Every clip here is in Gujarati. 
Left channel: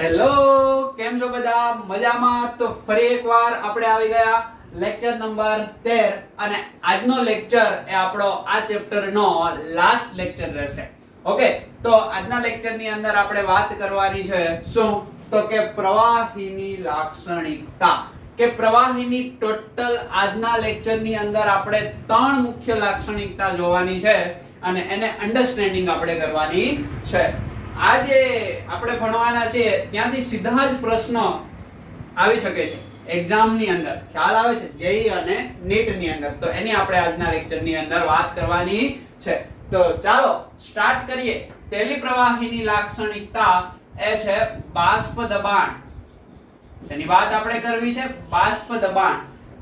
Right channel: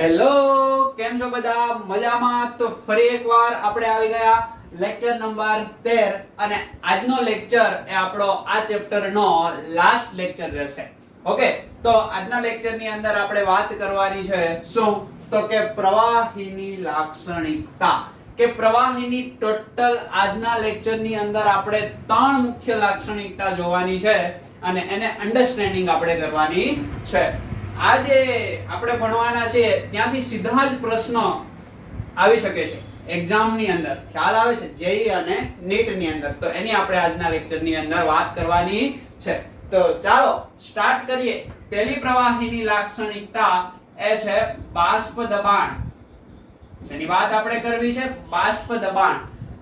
હેલો, કેમ છો બધા? મજામાં? તો ફરી એકવાર આપણે આવી ગયા લેક્ચર નંબર 13 અને આજનો લેક્ચર એ આપણો આ ચેપ્ટરનો લાસ્ટ લેક્ચર રહેશે. ઓકે, તો આજના લેક્ચરની અંદર આપણે વાત કરવાની છે શું? તો કે પ્રવાહીની લાક્ષણિકતા કે પ્રવાહીની ટોટલ આજના લેક્ચરની અંદર આપણે ત્રણ મુખ્ય લાક્ષણિકતા જોવાની છે અને એને અન્ડરસ્ટેન્ડિંગ આપણે કરવાની છે. આજે આપણે ભણવાના છે ત્યાંથી સીધા જ પ્રશ્નો આવી શકે છે એક્ઝામ ની અંદર. ખ્યાલ આવે છે? જેઈ અને નીટ ની અંદર. તો એની આપણે આજના લેક્ચર ની અંદર વાત કરવાની છે. તો ચાલો સ્ટાર્ટ કરીએ. પહેલી પ્રવાહીની લાક્ષણિકતા એ છે બાષ્પ દબાણ. શેની વાત આપણે કરવી છે? બાષ્પ દબાણ.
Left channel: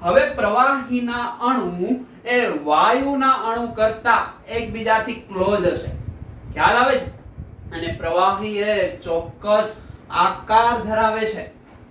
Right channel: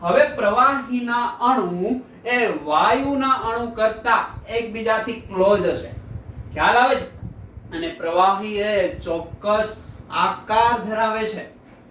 હવે પ્રવાહીના અણુ એ વાયુના અણુ કરતા એકબીજાથી ક્લોઝ હશે. ખ્યાલ આવે છે? અને પ્રવાહી એ ચોક્કસ આકાર ધરાવે છે.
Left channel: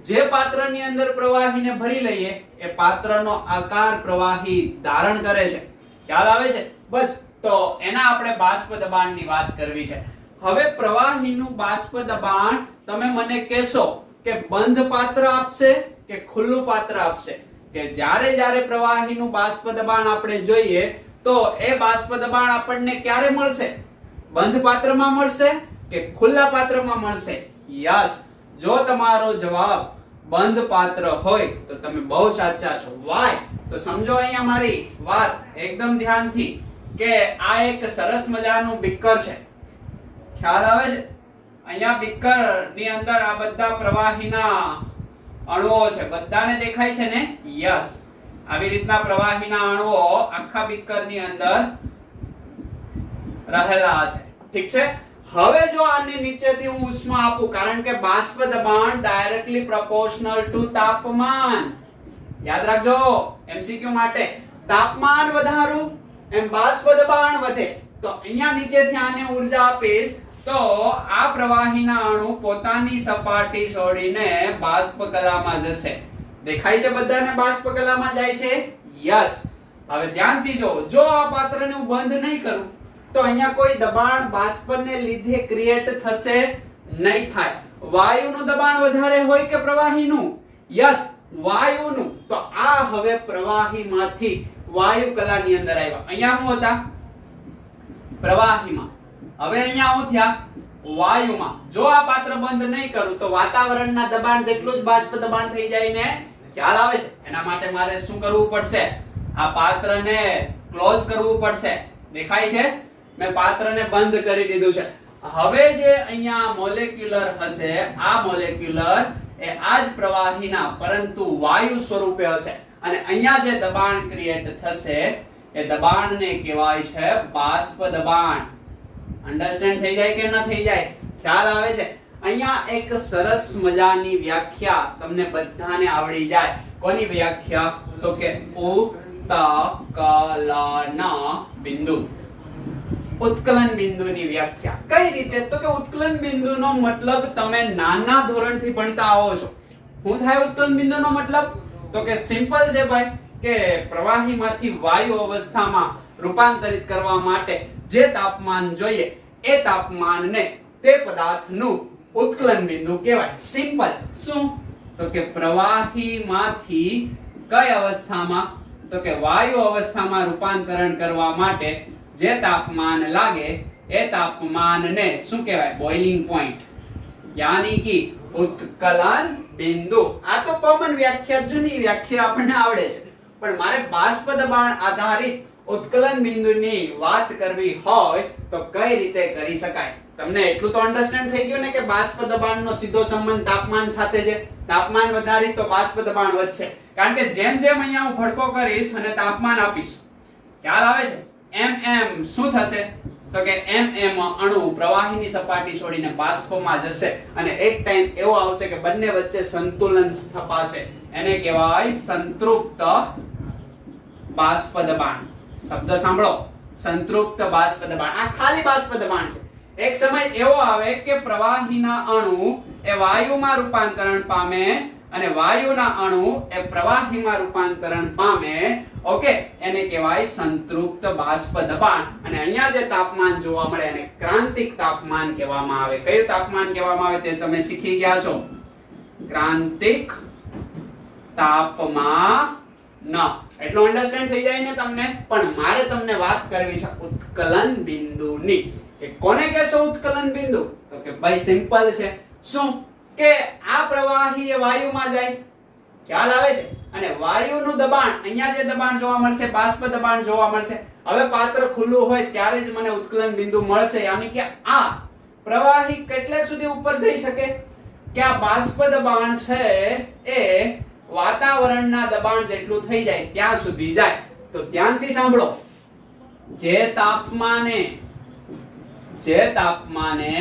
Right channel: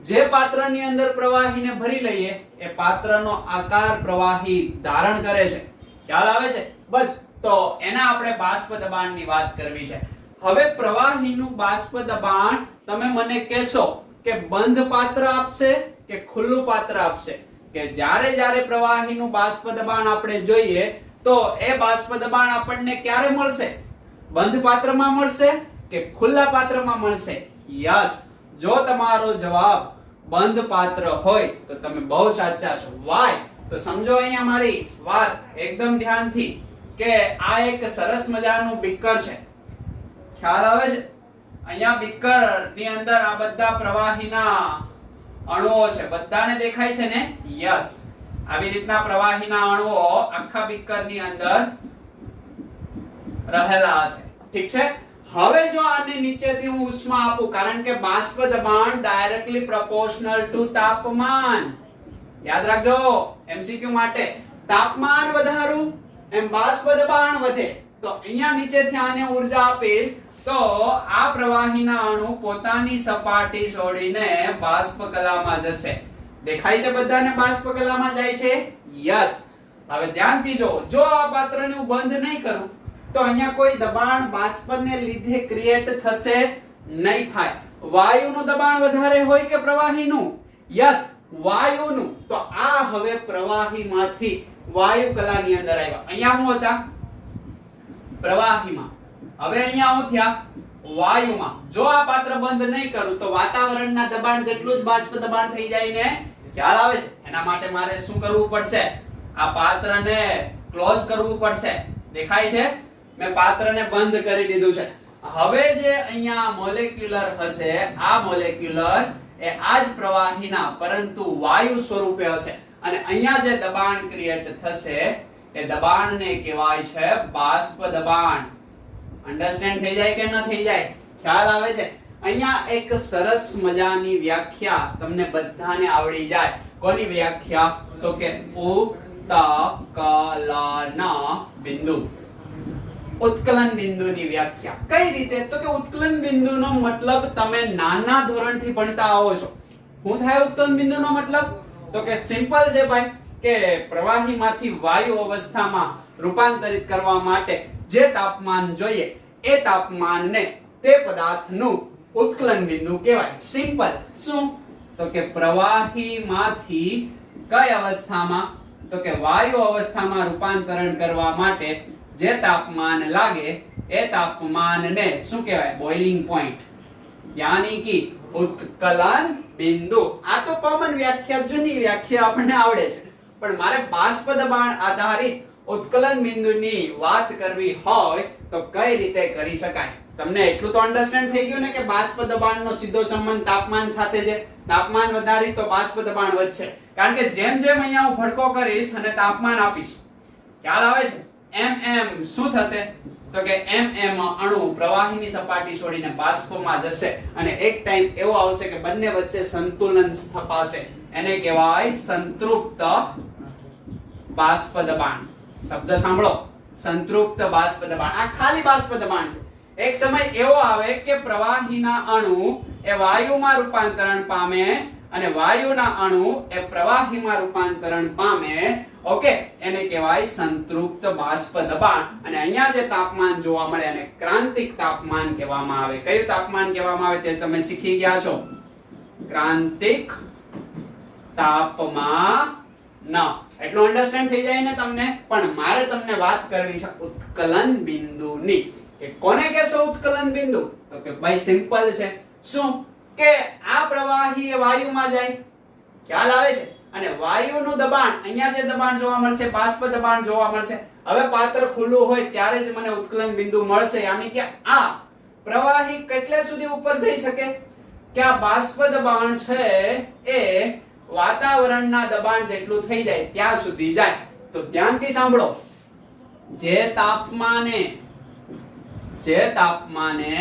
જે પાત્રની અંદર પ્રવાહીને ભરી લઈએ એ પાત્રનો આકાર પ્રવાહી ધારણ કરે છે. ખ્યાલ આવે છે? બસ, તો એના આપણે બાષ્પ દબાણની વાત કરવી છે. હવે પ્રવાહીનું બાષ્પ દબાણ તમે મને કહેશો કે બંધ પાત્ર આપશે કે ખુલ્લું પાત્ર આપશે? કે જ્યારે પ્રવાહીનું બાષ્પ દબાણ આપણે જોઈએ તો એ બાષ્પ દબાણ આપણને ક્યારે મળશે? બંધ પાત્રમાં મળશે કે ખુલ્લા પાત્રમાં મળશે? યસ, જો તમારો જવાબ બંધ પાત્ર હોય તો તમે બહુ સાચા છો. વાય? તો સમજો અહીંયા મારી વાત એકદમ ધ્યાનથી કે આ એક સરસ મજાનું બીકર છે. ખ્યાલ આવે છે? અહીંયા બીકર ની અંદર આ બધા પ્રવાહીના અણુઓ છે. બધાને દેખાય છે ને? યસ, આવી રીતના પ્રવાહીના અણુઓ આખા બીકર ની અંદર રહેલા છે. ઠીક છે? હવે જો આની નીચેથી હું ઉષ્મા આપું, કારણ કે બાષ્પ દબાણ ડાયરેક્ટલી પ્રોપોર્શનલ ટુ તાપમાન. યાદ રાખજો એમસીક્યુ માટે. તાપમાન વધારું એમ બાષ્પ દબાણ વધે. તો અહીંયા નીચેથી આને ઊર્જા આપીશ તો આ પ્રવાહીના અણુ પોતાની સપાટી છોડીને બાષ્પ કલામાં જશે. દેખાય છે બધાને બાષ્પ કલામાં જાય છે? યસ. હવે ધ્યાનથી જો આ પાત્રને હું બંધ નહીં કરું તો અહીંયા કોઈ દબાણ બાષ્પને લીધે ક્રિએટ થશે નહીં થાય. વાયુનું દબાણ વધારે હોય કે પ્રવાહીનું? યસ, વાયુનું. તો આ હવે પ્રવાહીમાંથી વાયુ કલાની અંદર આવ્યા. અહીંયા હું હતા પ્રવાહીમાં, હવે અહીંયા હું થયા વાયુમાં. જો આ પાત્ર બંધ નહીં કરું તો વાતાવરણના દબાણ જેટલું જ બાષ્પ દબાણ થઈ જાય ને? ખ્યાલ આવે છે? એના માટે મારે શું કરવું પડશે? આ પાત્રને ક્લોઝ કરવું પડશે. દેખાય છે? મેં પાત્રને બંધ કરી દીધું છે. હવે જે અહીંયા મોલેક્યુલર હશે, આ મોલેક્યુલર એ આ જ પ્રવાહીના પરંતુ વાયુ સ્વરૂપે હશે અને અહીંયા જે દબાણ ક્રિએટ થશે એ દબાણને કહેવાય છે બાષ્પ દબાણ. અન્ડરસ્ટેન્ડ થઈ જાય કે ન થઈ જાય? ખ્યાલ આવે છે? અહીંયા એક સરસ મજાની વ્યાખ્યા તમને બધાને આવડી જાય. કોની વ્યાખ્યા? તો કે ઉત્કલન બિંદુ. ઉત્કલન બિંદુની વ્યાખ્યા કઈ રીતે? તો કે ઉત્કલન બિંદુનો મતલબ તમે નાના ધોરણથી ભણતા આવો છો. શું થાય ઉત્કલન બિંદુનો મતલબ? તો કે સિમ્પલ છે ભાઈ, કે પ્રવાહીમાંથી વાયુ અવસ્થામાં રૂપાંતરિત કરવા માટે જે તાપમાન જોઈએ એ તાપમાનને તે પદાર્થનું ઉત્કલન બિંદુ કહેવાય. સિમ્પલ. શું? તો કે પ્રવાહીમાંથી કઈ અવસ્થામાં? તો કે વાયુ અવસ્થામાં રૂપાંતરણ કરવા માટે જે તાપમાન લાગે એ તાપમાનને શું કહેવાય? બોઇલિંગ પોઈન્ટ, યાની કે ઉત્કલન બિંદુ. આ તો કોમન વ્યાખ્યા, જૂની વ્યાખ્યા આપણને આવડે છે, પણ મારે બાષ્પ દબાણ આધારિત ઉત્કલન બિંદુની વાત કરવી હોય તો કઈ રીતે કરી શકાય? તમને એટલું તો અન્ડરસ્ટેન્ડ થઈ ગયું ને કે બાષ્પ દબાણનો સીધો સંબંધ તાપમાન સાથે છે. તાપમાન વધારી તો બાષ્પ દબાણ વધશે, કારણ કે જેમ અહીંયા હું ભડકો કરીશ અને તાપમાન આપીશ, ખ્યાલ આવે છે? એમ શું થશે? તો કે એમ અણુ પ્રવાહીની સપાટી છોડીને બાષ્પમાં જશે અને એક ટાઈમ એવો આવશે કે બંને વચ્ચે સંતુલન સ્થપાશે. એને કહેવાય સંતૃપ્ત બાષ્પ દબાણ. શબ્દ સાંભળો, સંતૃપ્ત બાષ્પ દબાણ. આ ખાલી બાષ્પ દબાણ છે. એક સમય એવો આવે કે પ્રવાહીના અણુ એ વાયુમાં રૂપાંતરણ પામે અને વાયુના અણુ એ પ્રવાહીમાં રૂપાંતરણ પામે, ઓકે, એને કહેવાય સંતૃપ્ત બાષ્પ દબાણ. અને અહીંયા જે તાપમાન જોવા મળે એને ક્રાંતિક તાપમાન કહેવામાં આવે. કયું તાપમાન કહેવામાં આવે તે તમે શીખી ગયા છો. ક્રાંતિક તાપમાન. એટલું અન્ડરસ્ટેન્ડ થઈ જાય ને તમને. પણ મારે તમને વાત કરવી છે ઉત્કલન બિંદુની. કે કોને કહેશો ઉત્કલન બિંદુ? તો કે ભાઈ સિમ્પલ છે. શું કે આ પ્રવાહી એ વાયુમાં જાય, ખ્યાલ આવે છે, અને વાયુનું દબાણ, અહીંયા જે દબાણ જોવા મળશે બાષ્પ દબાણ જોવા મળશે. હવે પાત્ર ખુલ્લું હોય ત્યારે જ મને ઉત્કલન બિંદુ મળશે. યાની કે આ પ્રવાહી કેટલે સુધી ઉપર જઈ શકે કે આ બાષ્પ દબાણ છે એ વાતાવરણના દબાણ જેટલું થઈ જાય ત્યાં સુધી જાય. તો ધ્યાનથી સાંભળો, જે તાપમાને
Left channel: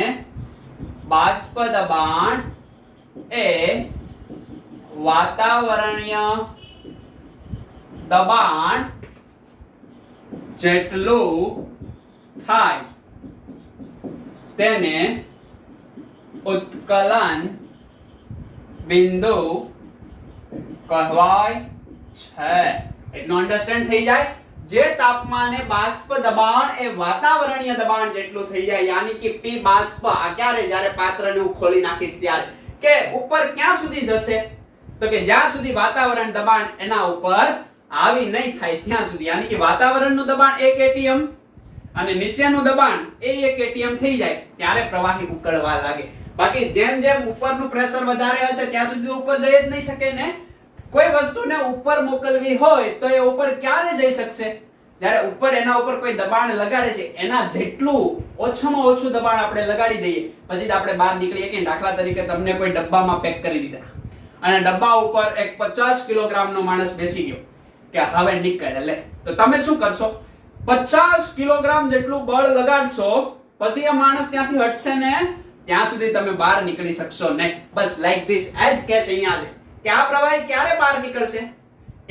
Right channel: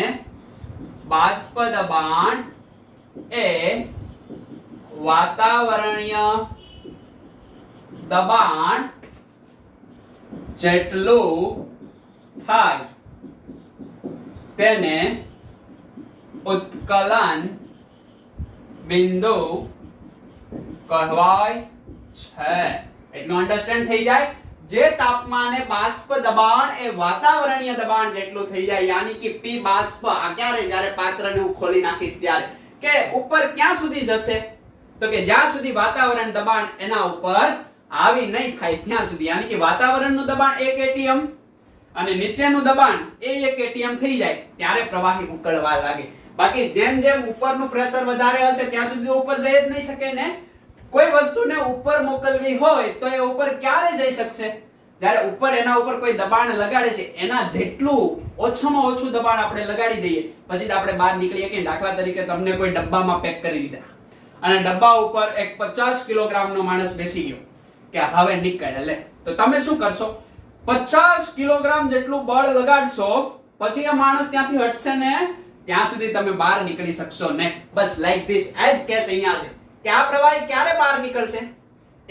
બાષ્પ દબાણ એ વાતાવરણીય દબાણ જેટલું થાય તેને ઉત્કલન બિંદુ કહેવાય છે. એટલું અન્ડરસ્ટેન્ડ થઈ જાય. જે તાપમાને બાષ્પ દબાણ એ વાતાવરણીય દબાણ જેટલું થઈ જાય, યાની કે P બાષ્પ, આ ક્યારે? જ્યારે પાત્રને હું ખોલી નાખીશ ત્યારે. કે ઉપર ક્યાં સુધી જશે? તો કે જ્યાં સુધી વાતાવરણ દબાણ એના ઉપર આવી નહીં થાય ત્યાં સુધી. યાની કે વાતાવરણનું દબાણ 1 atm અને નીચેનું દબાણ એ 1 atm થઈ જાય ત્યારે પ્રવાહી ઉકળવા લાગે. બાકી જેમ જેમ ઉપરનું પ્રેશર વધારે હશે ત્યાં સુધી ઉપર જઈ જ નહીં શકે ને. કોઈ વસ્તુને ઉપર મોકલવી હોય તો એ ઉપર ક્યારે જઈ શકશે? જ્યારે ઉપર એના ઉપર કોઈ દબાણ લગાડે છે એના જેટલું ઓછામાં ઓછું દબાણ આપણે લગાડી દઈએ પછી જ આપણે બહાર નીકળીએ. કે દાખલા તરીકે તમને કોઈ ડબ્બામાં પેક કરી દીધા અને ડબ્બા ઉપર એક 50 કિલોગ્રામનો માણસ બેસી ગયો કે હવે નીકળે લે, તો તમે શું કરશો? 50 કિલોગ્રામ જેટલું બળ લગાડશો પછી એ માણસ ત્યાંથી હટશે ને ત્યાં સુધી તમે બહાર નીકળી શકશો ને. બસ લાઈક ધીસ એજ કેસ અહીંયા છે કે આ પ્રવાહી ક્યારે બહાર નીકળશે?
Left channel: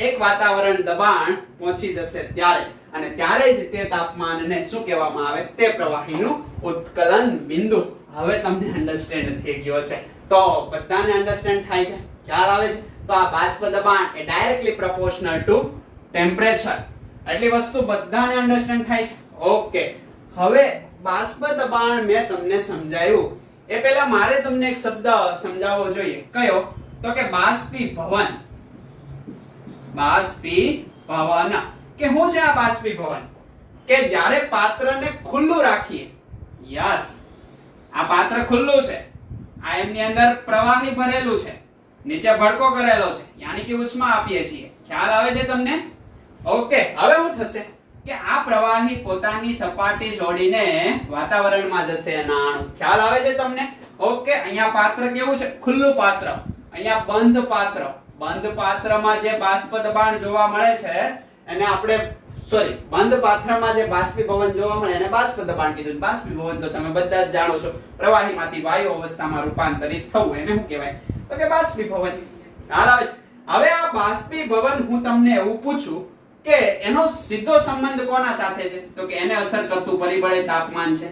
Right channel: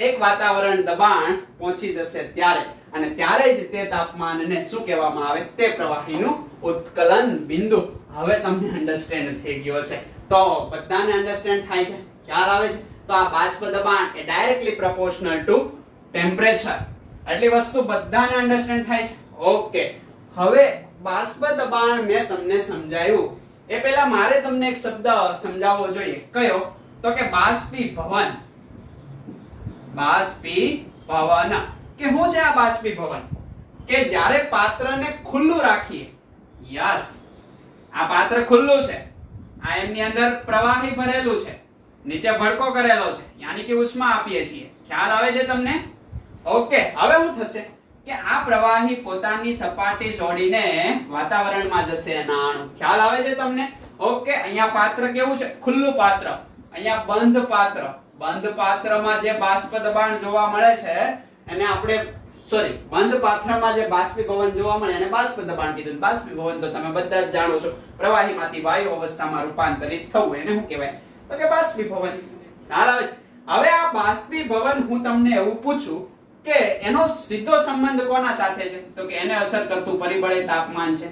એક વાતાવરણ દબાણ પહોંચી જશે ત્યારે, અને ત્યારે જ તે તાપમાનને શું કહેવામાં આવે? તે પ્રવાહીનું ઉત્કલન બિંદુ. હવે તમને અન્ડરસ્ટેન્ડ થઈ ગયો હશે. તો બધાને અન્ડરસ્ટેન્ડ થાય છે, ખ્યાલ આવે છે? તો આ બાષ્પ દબાણ એ ડાયરેક્ટલી પ્રોપોર્શનલ ટુ ટેમ્પરેચર. એટલી વસ્તુ બધાને અન્ડરસ્ટેન્ડ થાય છે. ઓકે, હવે બાષ્પ દબાણ મેં તમને સમજાવ્યું એ પહેલા મારે તમને એક શબ્દ સમજાવવો જોઈએ. કયો? તો કે બાષ્પીભવન. બાષ્પીભવન કે શું છે આ બાષ્પીભવન? કે જ્યારે પાત્રને ખુલ્લું રાખીએ, યસ, આ પાત્ર ખુલ્લું છે, આ એમની અંદર પ્રવાહી ભરેલું છે, નીચે ભડકો કરેલો છે, યાની કે ઉષ્મા આપીએ છીએ. ખ્યાલ આવે છે તમને? ઓકે, હવે શું થશે કે આ પ્રવાહી પોતાની સપાટી જોડીને વાતાવરણમાં જશે એના અણુ. ખ્યાલ આવે છે તમને? ઓકે, અહીંયા પાત્ર કેવું છે? ખુલ્લું પાત્ર. અહીંયા બંધ પાત્ર. બંધ પાત્રમાં જે બાષ્પ દબાણ જોવા મળે છે એને આપણે બંધ પાત્રમાં જે બાષ્પીભવન જોવા મળે એને બાષ્પ દબાણ કીધું. બાષ્પીભવન તો તમે બધા જ જાણો છો, પ્રવાહીમાંથી વાયુ અવસ્થામાં રૂપાંતરિત થવું, એને શું કહેવાય? તો કે બાષ્પીભવન. ખ્યાલ આવે છે? હવે આ બાષ્પીભવન હું તમને એવું પૂછું કે એનો સીધો સંબંધ કોના સાથે છે? તો કે એને અસર કરતું પરિબળ એ તાપમાન છે.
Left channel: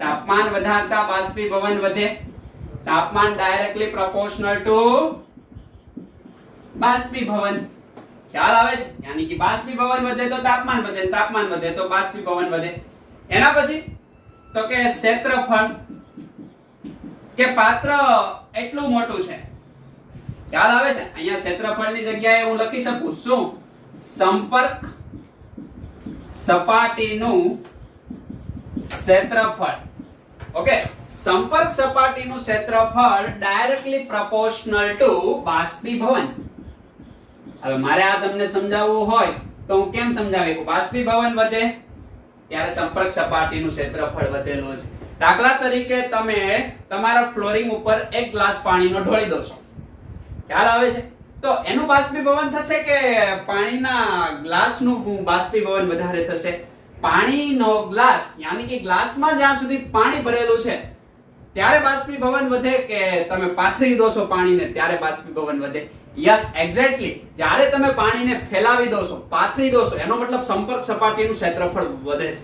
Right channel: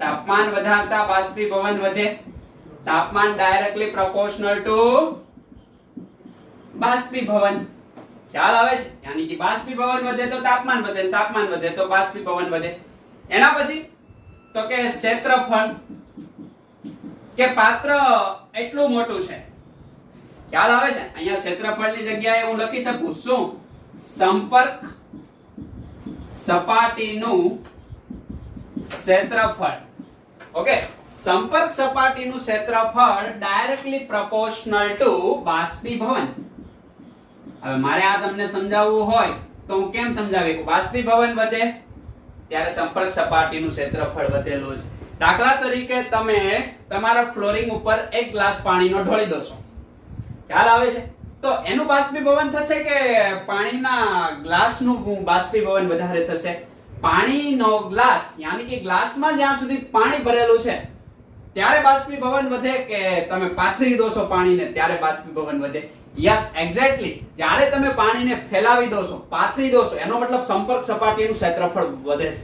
તાપમાન વધારતા બાષ્પીભવન વધે. તાપમાન ડાયરેક્ટલી પ્રોપોર્શનલ ટુ બાષ્પીભવન. ખ્યાલ આવે છે? યાની કે બાષ્પીભવન વધે તો તાપમાન વધે, તાપમાન વધે તો બાષ્પીભવન વધે. એના પછી તો કે ક્ષેત્રફળ, કે પાત્ર એટલું મોટું છે. ખ્યાલ આવે છે? અહીંયા ક્ષેત્રફળની જગ્યાએ હું લખી શકું શું? સંપર્ક સપાટીનું ક્ષેત્રફળ. ઓકે, સંપર્ક સપાટીનું ક્ષેત્રફળ ડાયરેક્ટલી પ્રોપોર્શનલ ટુ બાષ્પીભવન. હવે મારે આ તમને સમજાવવું હોય તો હું કેમ સમજાવી? બાષ્પીભવન વધે ત્યારે સંપર્ક સપાટીનું ક્ષેત્રફળ વધેલું છે. દાખલા તરીકે તમે તમારા ફ્લોરિંગ ઉપર એક ગ્લાસ પાણીનો ઢોળી દોશો. ખ્યાલ આવે છે? તો એનું બાષ્પીભવન થશે કે પાણીના ગ્લાસનું બાષ્પીભવન વધારે થશે? પાણીનો ગ્લાસ, યાની કે ગ્લાસમાં જ્યાં સુધી પાણી ભરેલું છે ત્યારે બાષ્પીભવન વધે કે તમે પાથરી દોશો પાણીને ત્યારે બાષ્પીભવન વધે? Yes, exactly. જ્યારે તમે પાણીને ફેલાવી દોશો, પાથરી દોશો, એનો મતલબ સંપર્ક સપાટીનું ક્ષેત્રફળ વધે છે.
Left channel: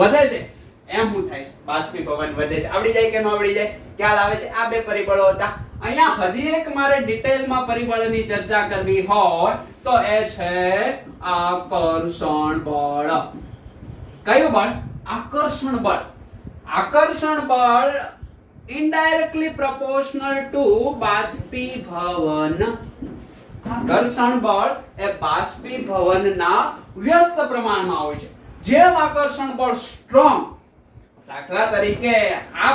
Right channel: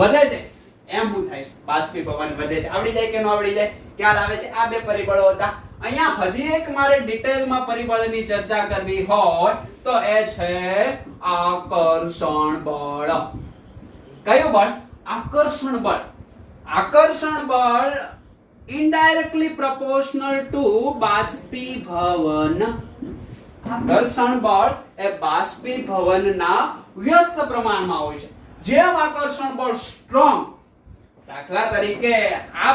વધે છે એમ શું થાય છે? બાષ્પીભવન વધે છે. આવડી જાય કે ન આવડી જાય? ખ્યાલ આવે છે? આ બે પરિબળો હતા. અહીંયા હજી એક મારે ડિટેલમાં પરિબળની ચર્ચા કરવી હોય તો એ છે આકર્ષણ બળ. કયું બળ? આકર્ષણ બળ. આકર્ષણ બળ indirectly proportional to બાષ્પીભવન. આકર્ષણ બળ એ બાષ્પીભવનના વ્યસ્ત પ્રમાણમાં હોય છે. જેમ આકર્ષણ બળ સ્ટ્રોંગ, દાખલા તરીકે આ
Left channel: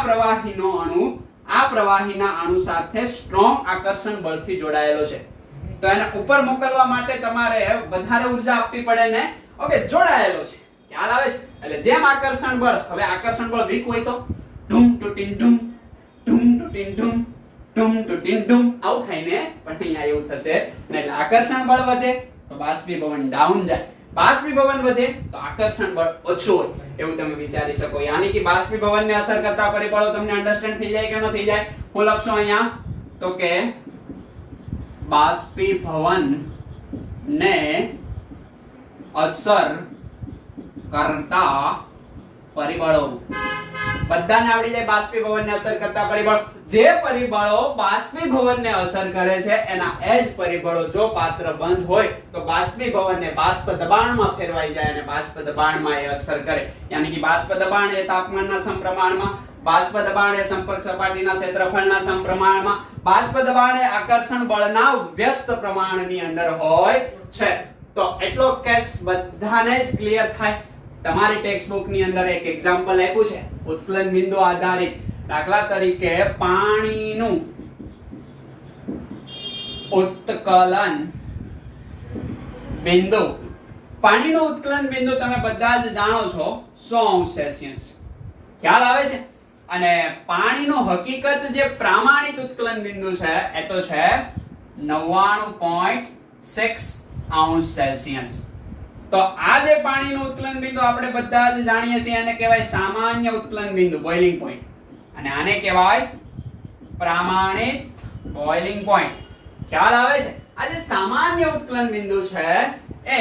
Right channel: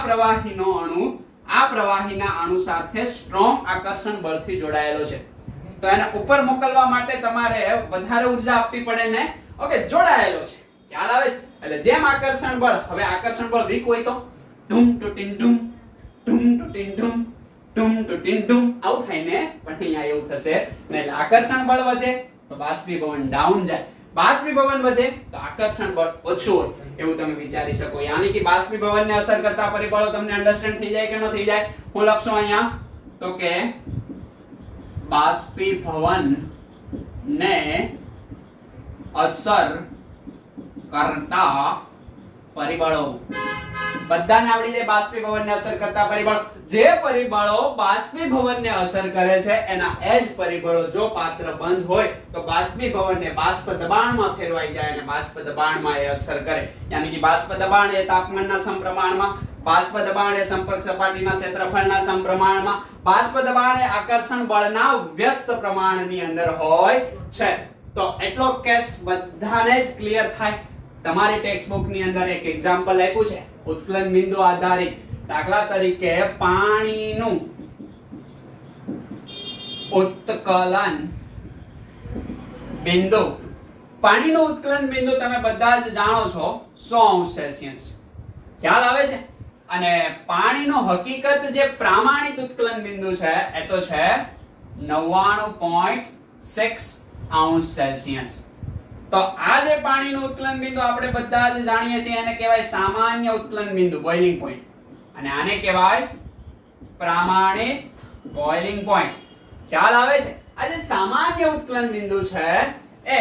પ્રવાહીના અણુ સાથે સ્ટ્રોંગ આકર્ષણ બળથી જોડાયેલો છે, તો એને ઉપર મોકલવા માટે તમારે વધારે ઉર્જા આપવી પડે ને. ઓકે, જોડાયેલો છે, ખ્યાલ આવે છે. એટલે જેમ આકર્ષણ બળ, હવે આકર્ષણ બળ વીક હોય તો ધૂમ ટુટીન ધૂમ, ધૂમ ટુટીન ધૂમ, ધૂમ ટુટીન ધૂમ આવું થાય ને. પણ અહીંયા એવું થશે ને, એટલે આકર્ષણ બળ વધે તો બાષ્પીભવન ડાઉન જાય, બાષ્પીભવન વધે તો આકર્ષણ બળ ઓછું હોય, એવું તમે વિચારી શકો. યાની કે બાષ્પીભવનને અસર કરતા પરિબળો તમને અન્ડરસ્ટેન્ડ થઈ જાય કે ન થઈ જાય? હું લખશું અહીંયા તો કે બાષ્પીભવન ને અસર કરતા પરિબળો. બધાને આવડી જાય બાષ્પીભવનને અસર કરતા પરિબળો. જે પરિબળો બાષ્પીભવનને અસર કરે છે એના એ જ પરિબળો જો પાત્ર બંધ હોય તો બાષ્પીભવનને બાષ્પ દબાણમાં ફેરવાઈ જાય અને બાષ્પ દબાણમાં એ અસર કરે. યાની કે બાષ્પ દબાણ એ તાપમાનના સમપ્રમાણમાં, બાષ્પ દબાણ એ સંપર્ક સપાટીના ક્ષેત્રફળના સમપ્રમાણમાં, બાષ્પ દબાણ એ આકર્ષણ બળના વ્યસ્ત પ્રમાણની અંદર હોય છે. તો એટલો કેસ બધાને જ ક્લિયર થાય. તમારી ટેક્સ્ટબુક ની અંદર એક એક્ઝામ્પલ આપ્યું છે ઉત્કલન બિંદુ આધારિત. દાખલા તરીકે પાણીનું ઉત્કલન બિંદુ. પાણીનું ઉત્કલન બિંદુ તમે બધા જ જાણો છો 100°C. ખ્યાલ આવે છે? અને પાણીનું હકીકત જે પ્રામાણિક ઉત્કલન બિંદુ છે એ તો છે 99.6°C. તો આ જે પાણીનું ઉત્કલન બિંદુ આપણે બધા જ જાણીએ છીએ એને કહેવાય સામાન્ય ઉત્કલન બિંદુ, બોઇલિંગ પોઈન્ટ. અને આને કહેવાય પ્રામાણિક બોઇલિંગ પોઈન્ટ. ખ્યાલ આવે છે? આ જે સામાન્ય ઉત્કલન બિંદુ છે એ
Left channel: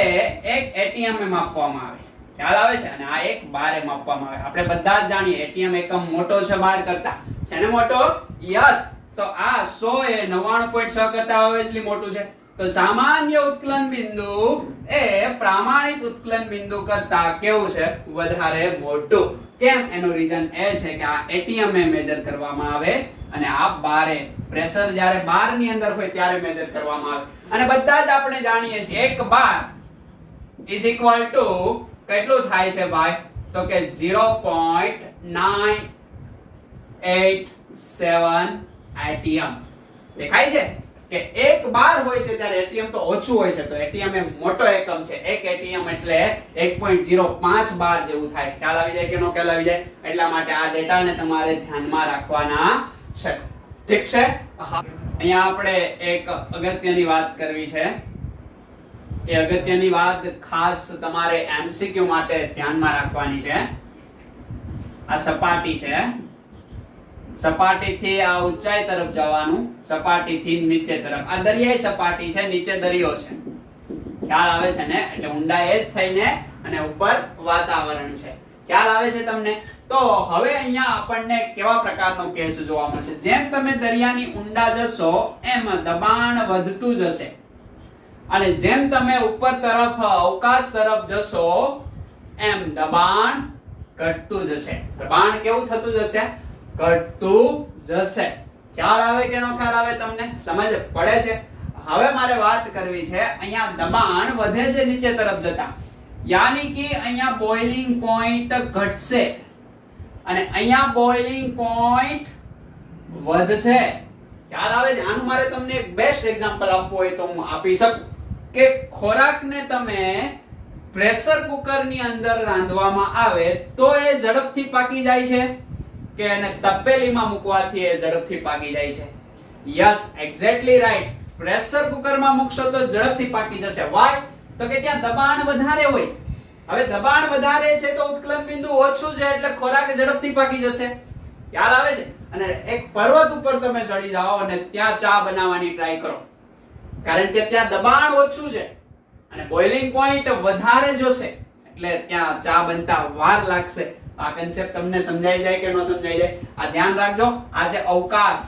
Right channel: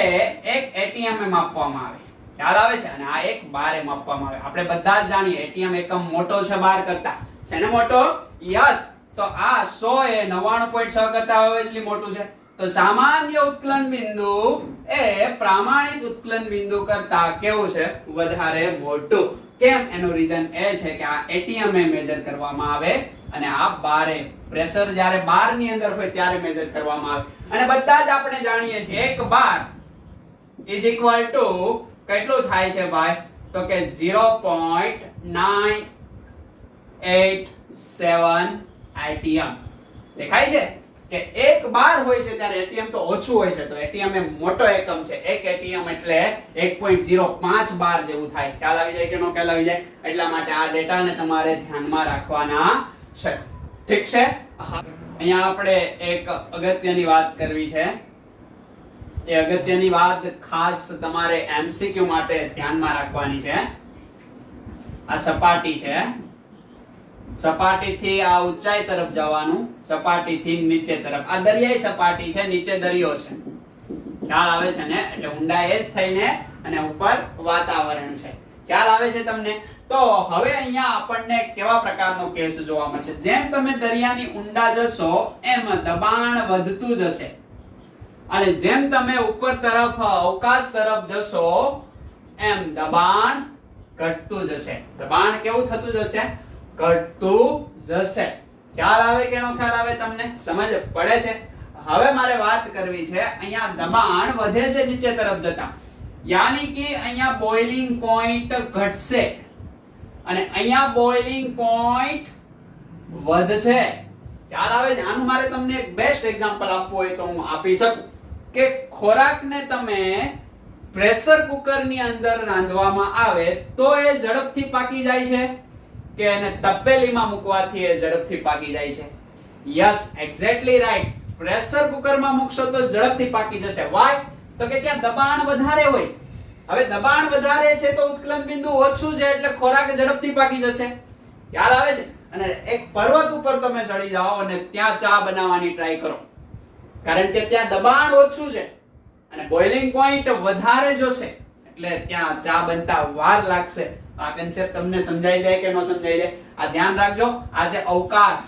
એક એટીએમ માં માપવામાં આવે. ખ્યાલ આવે છે? અને આ એક બારે માપવામાં આવે. આપણે બધા જ જાણીએ એટીએમ એકમ મોટો છે બાર કરતા. છે ને મોટો? યસ. તો આ 100 એ 99.6 કરતા obviously મોટું છે. તો સામાન્ય ઉત્કલન બિંદુ એ પ્રામાણિક ઉત્કલન બિંદુ કરતા કેવું છે? વધારે મોટું. કેમ? એનું રીઝન એ છે કે આ એટીએમ એ મેજર કરવામાં આવે અને આ બારે પ્રેશર જ્યારે બાર ની અંદર હોય ત્યારે મેજર કરવામાં આવે. અને બધા જ આપણે જાણીએ છીએ 1 બાર ઇઝ ઇક્વલ ટુ કેટલું થાય છે ભાઈ? તો કે 0.987 એટીએમ. દેખાય છે કે 1 બાર હોય છે ત્યારે એટીએમ તો ઓછું હોય છે. તો એટીએમ એ મોટો એકમ છે. 1 એટીએમ એટલે 1.05 બાર જેવું થાય. ખ્યાલ આવી જાય કે નો ખ્યાલ આવી જાય? એટલા માટે આ ડેટાને તમારે ધ્યાનમાં રાખવાના છે. ઠીક છે? અહીંયા આપણે એક અગત્યની વાત કરવી છે. એ અગત્યની વાત ખાસ તમારે એમસીક્યુ માટે ધ્યાનમાં રાખવાની છે. આ સપાટી છે, સપાટીથી આ ઊંચાઈ તરફ જવાનું, સપાટીથી નીચે તરફ. આ દરિયાઈ સપાટી છે, નીચે દરિયો છે. ખ્યાલ આવે છે ને? એટલે ઊંડાઈ જ થઈને અને ઉપર વાતાવરણ છે. ખ્યાલ આવે છે તમને? તો હવે અહીંયા આપણને કેવા પ્રકારનો કેસ જોવા મળશે? જેમ તમે દરિયાની ઊંડા જશો એમ દબાણ વધતું જશે અને જેમ તમે ઉપર તરફ અવકાશ તરફ જશો એમ દબાણ ઘટતું જશે. દબાણ કેવું થતું જશે? ઘટતું જશે. ખ્યાલ આવે કે નો ખ્યાલ આવે? તમને સમજ પડે છે? હવે મારે વાત કરવી છે, અહીંયા દબાણ વધે છે નીચે તરફ જતા, યાની કે અહીંયા બોઇલિંગ પોઈન્ટ ઘટશે અને અહીંયા બોઇલિંગ પોઈન્ટ વધશે. ખ્યાલ આવે છે? આનું મારે તમને એક બેસ્ટ એક્ઝામ્પલ આપવું હોય તો હું આપી શકું કે ખોરાકને તમે પ્રેશર કુકરની અંદર રાંધવામાં આવે તો એ ઝડપથી પાકી જાય છે કે એને તપેલીમાં મૂકવાથી એ ઝડપથી પાકી જાય છે? Yes, exactly right. પ્રેશર કુકરમાં મૂકશો તો ઝડપથી પાકી જશે. વાય? તો કે ક્યાં દબાણ વધારે હોય. હવે દબાણ વધારે છે તો ઉત્કલન બિંદુ ઓછું છે એટલે ખોરાક ઝડપથી પાકી જશે. ખ્યાલ આવે છે? અને એક પર્વત ઉપર તમે ચડી જાઓ અને ત્યાં ચા બનાવવાની ટ્રાય કરો, કારણ કે ત્યાં દબાણ ઓછું છે અને બોઇલિંગ પોઈન્ટ વધારે જોશે એટલે ત્યાં ચા બનતા વાર લાગશે. આ કન્સેપ્ટ તમને સમજાઈ જાય કે ન સમજાઈ જાય? આ ધ્યાન રાખજો. આ છે અવકાશ.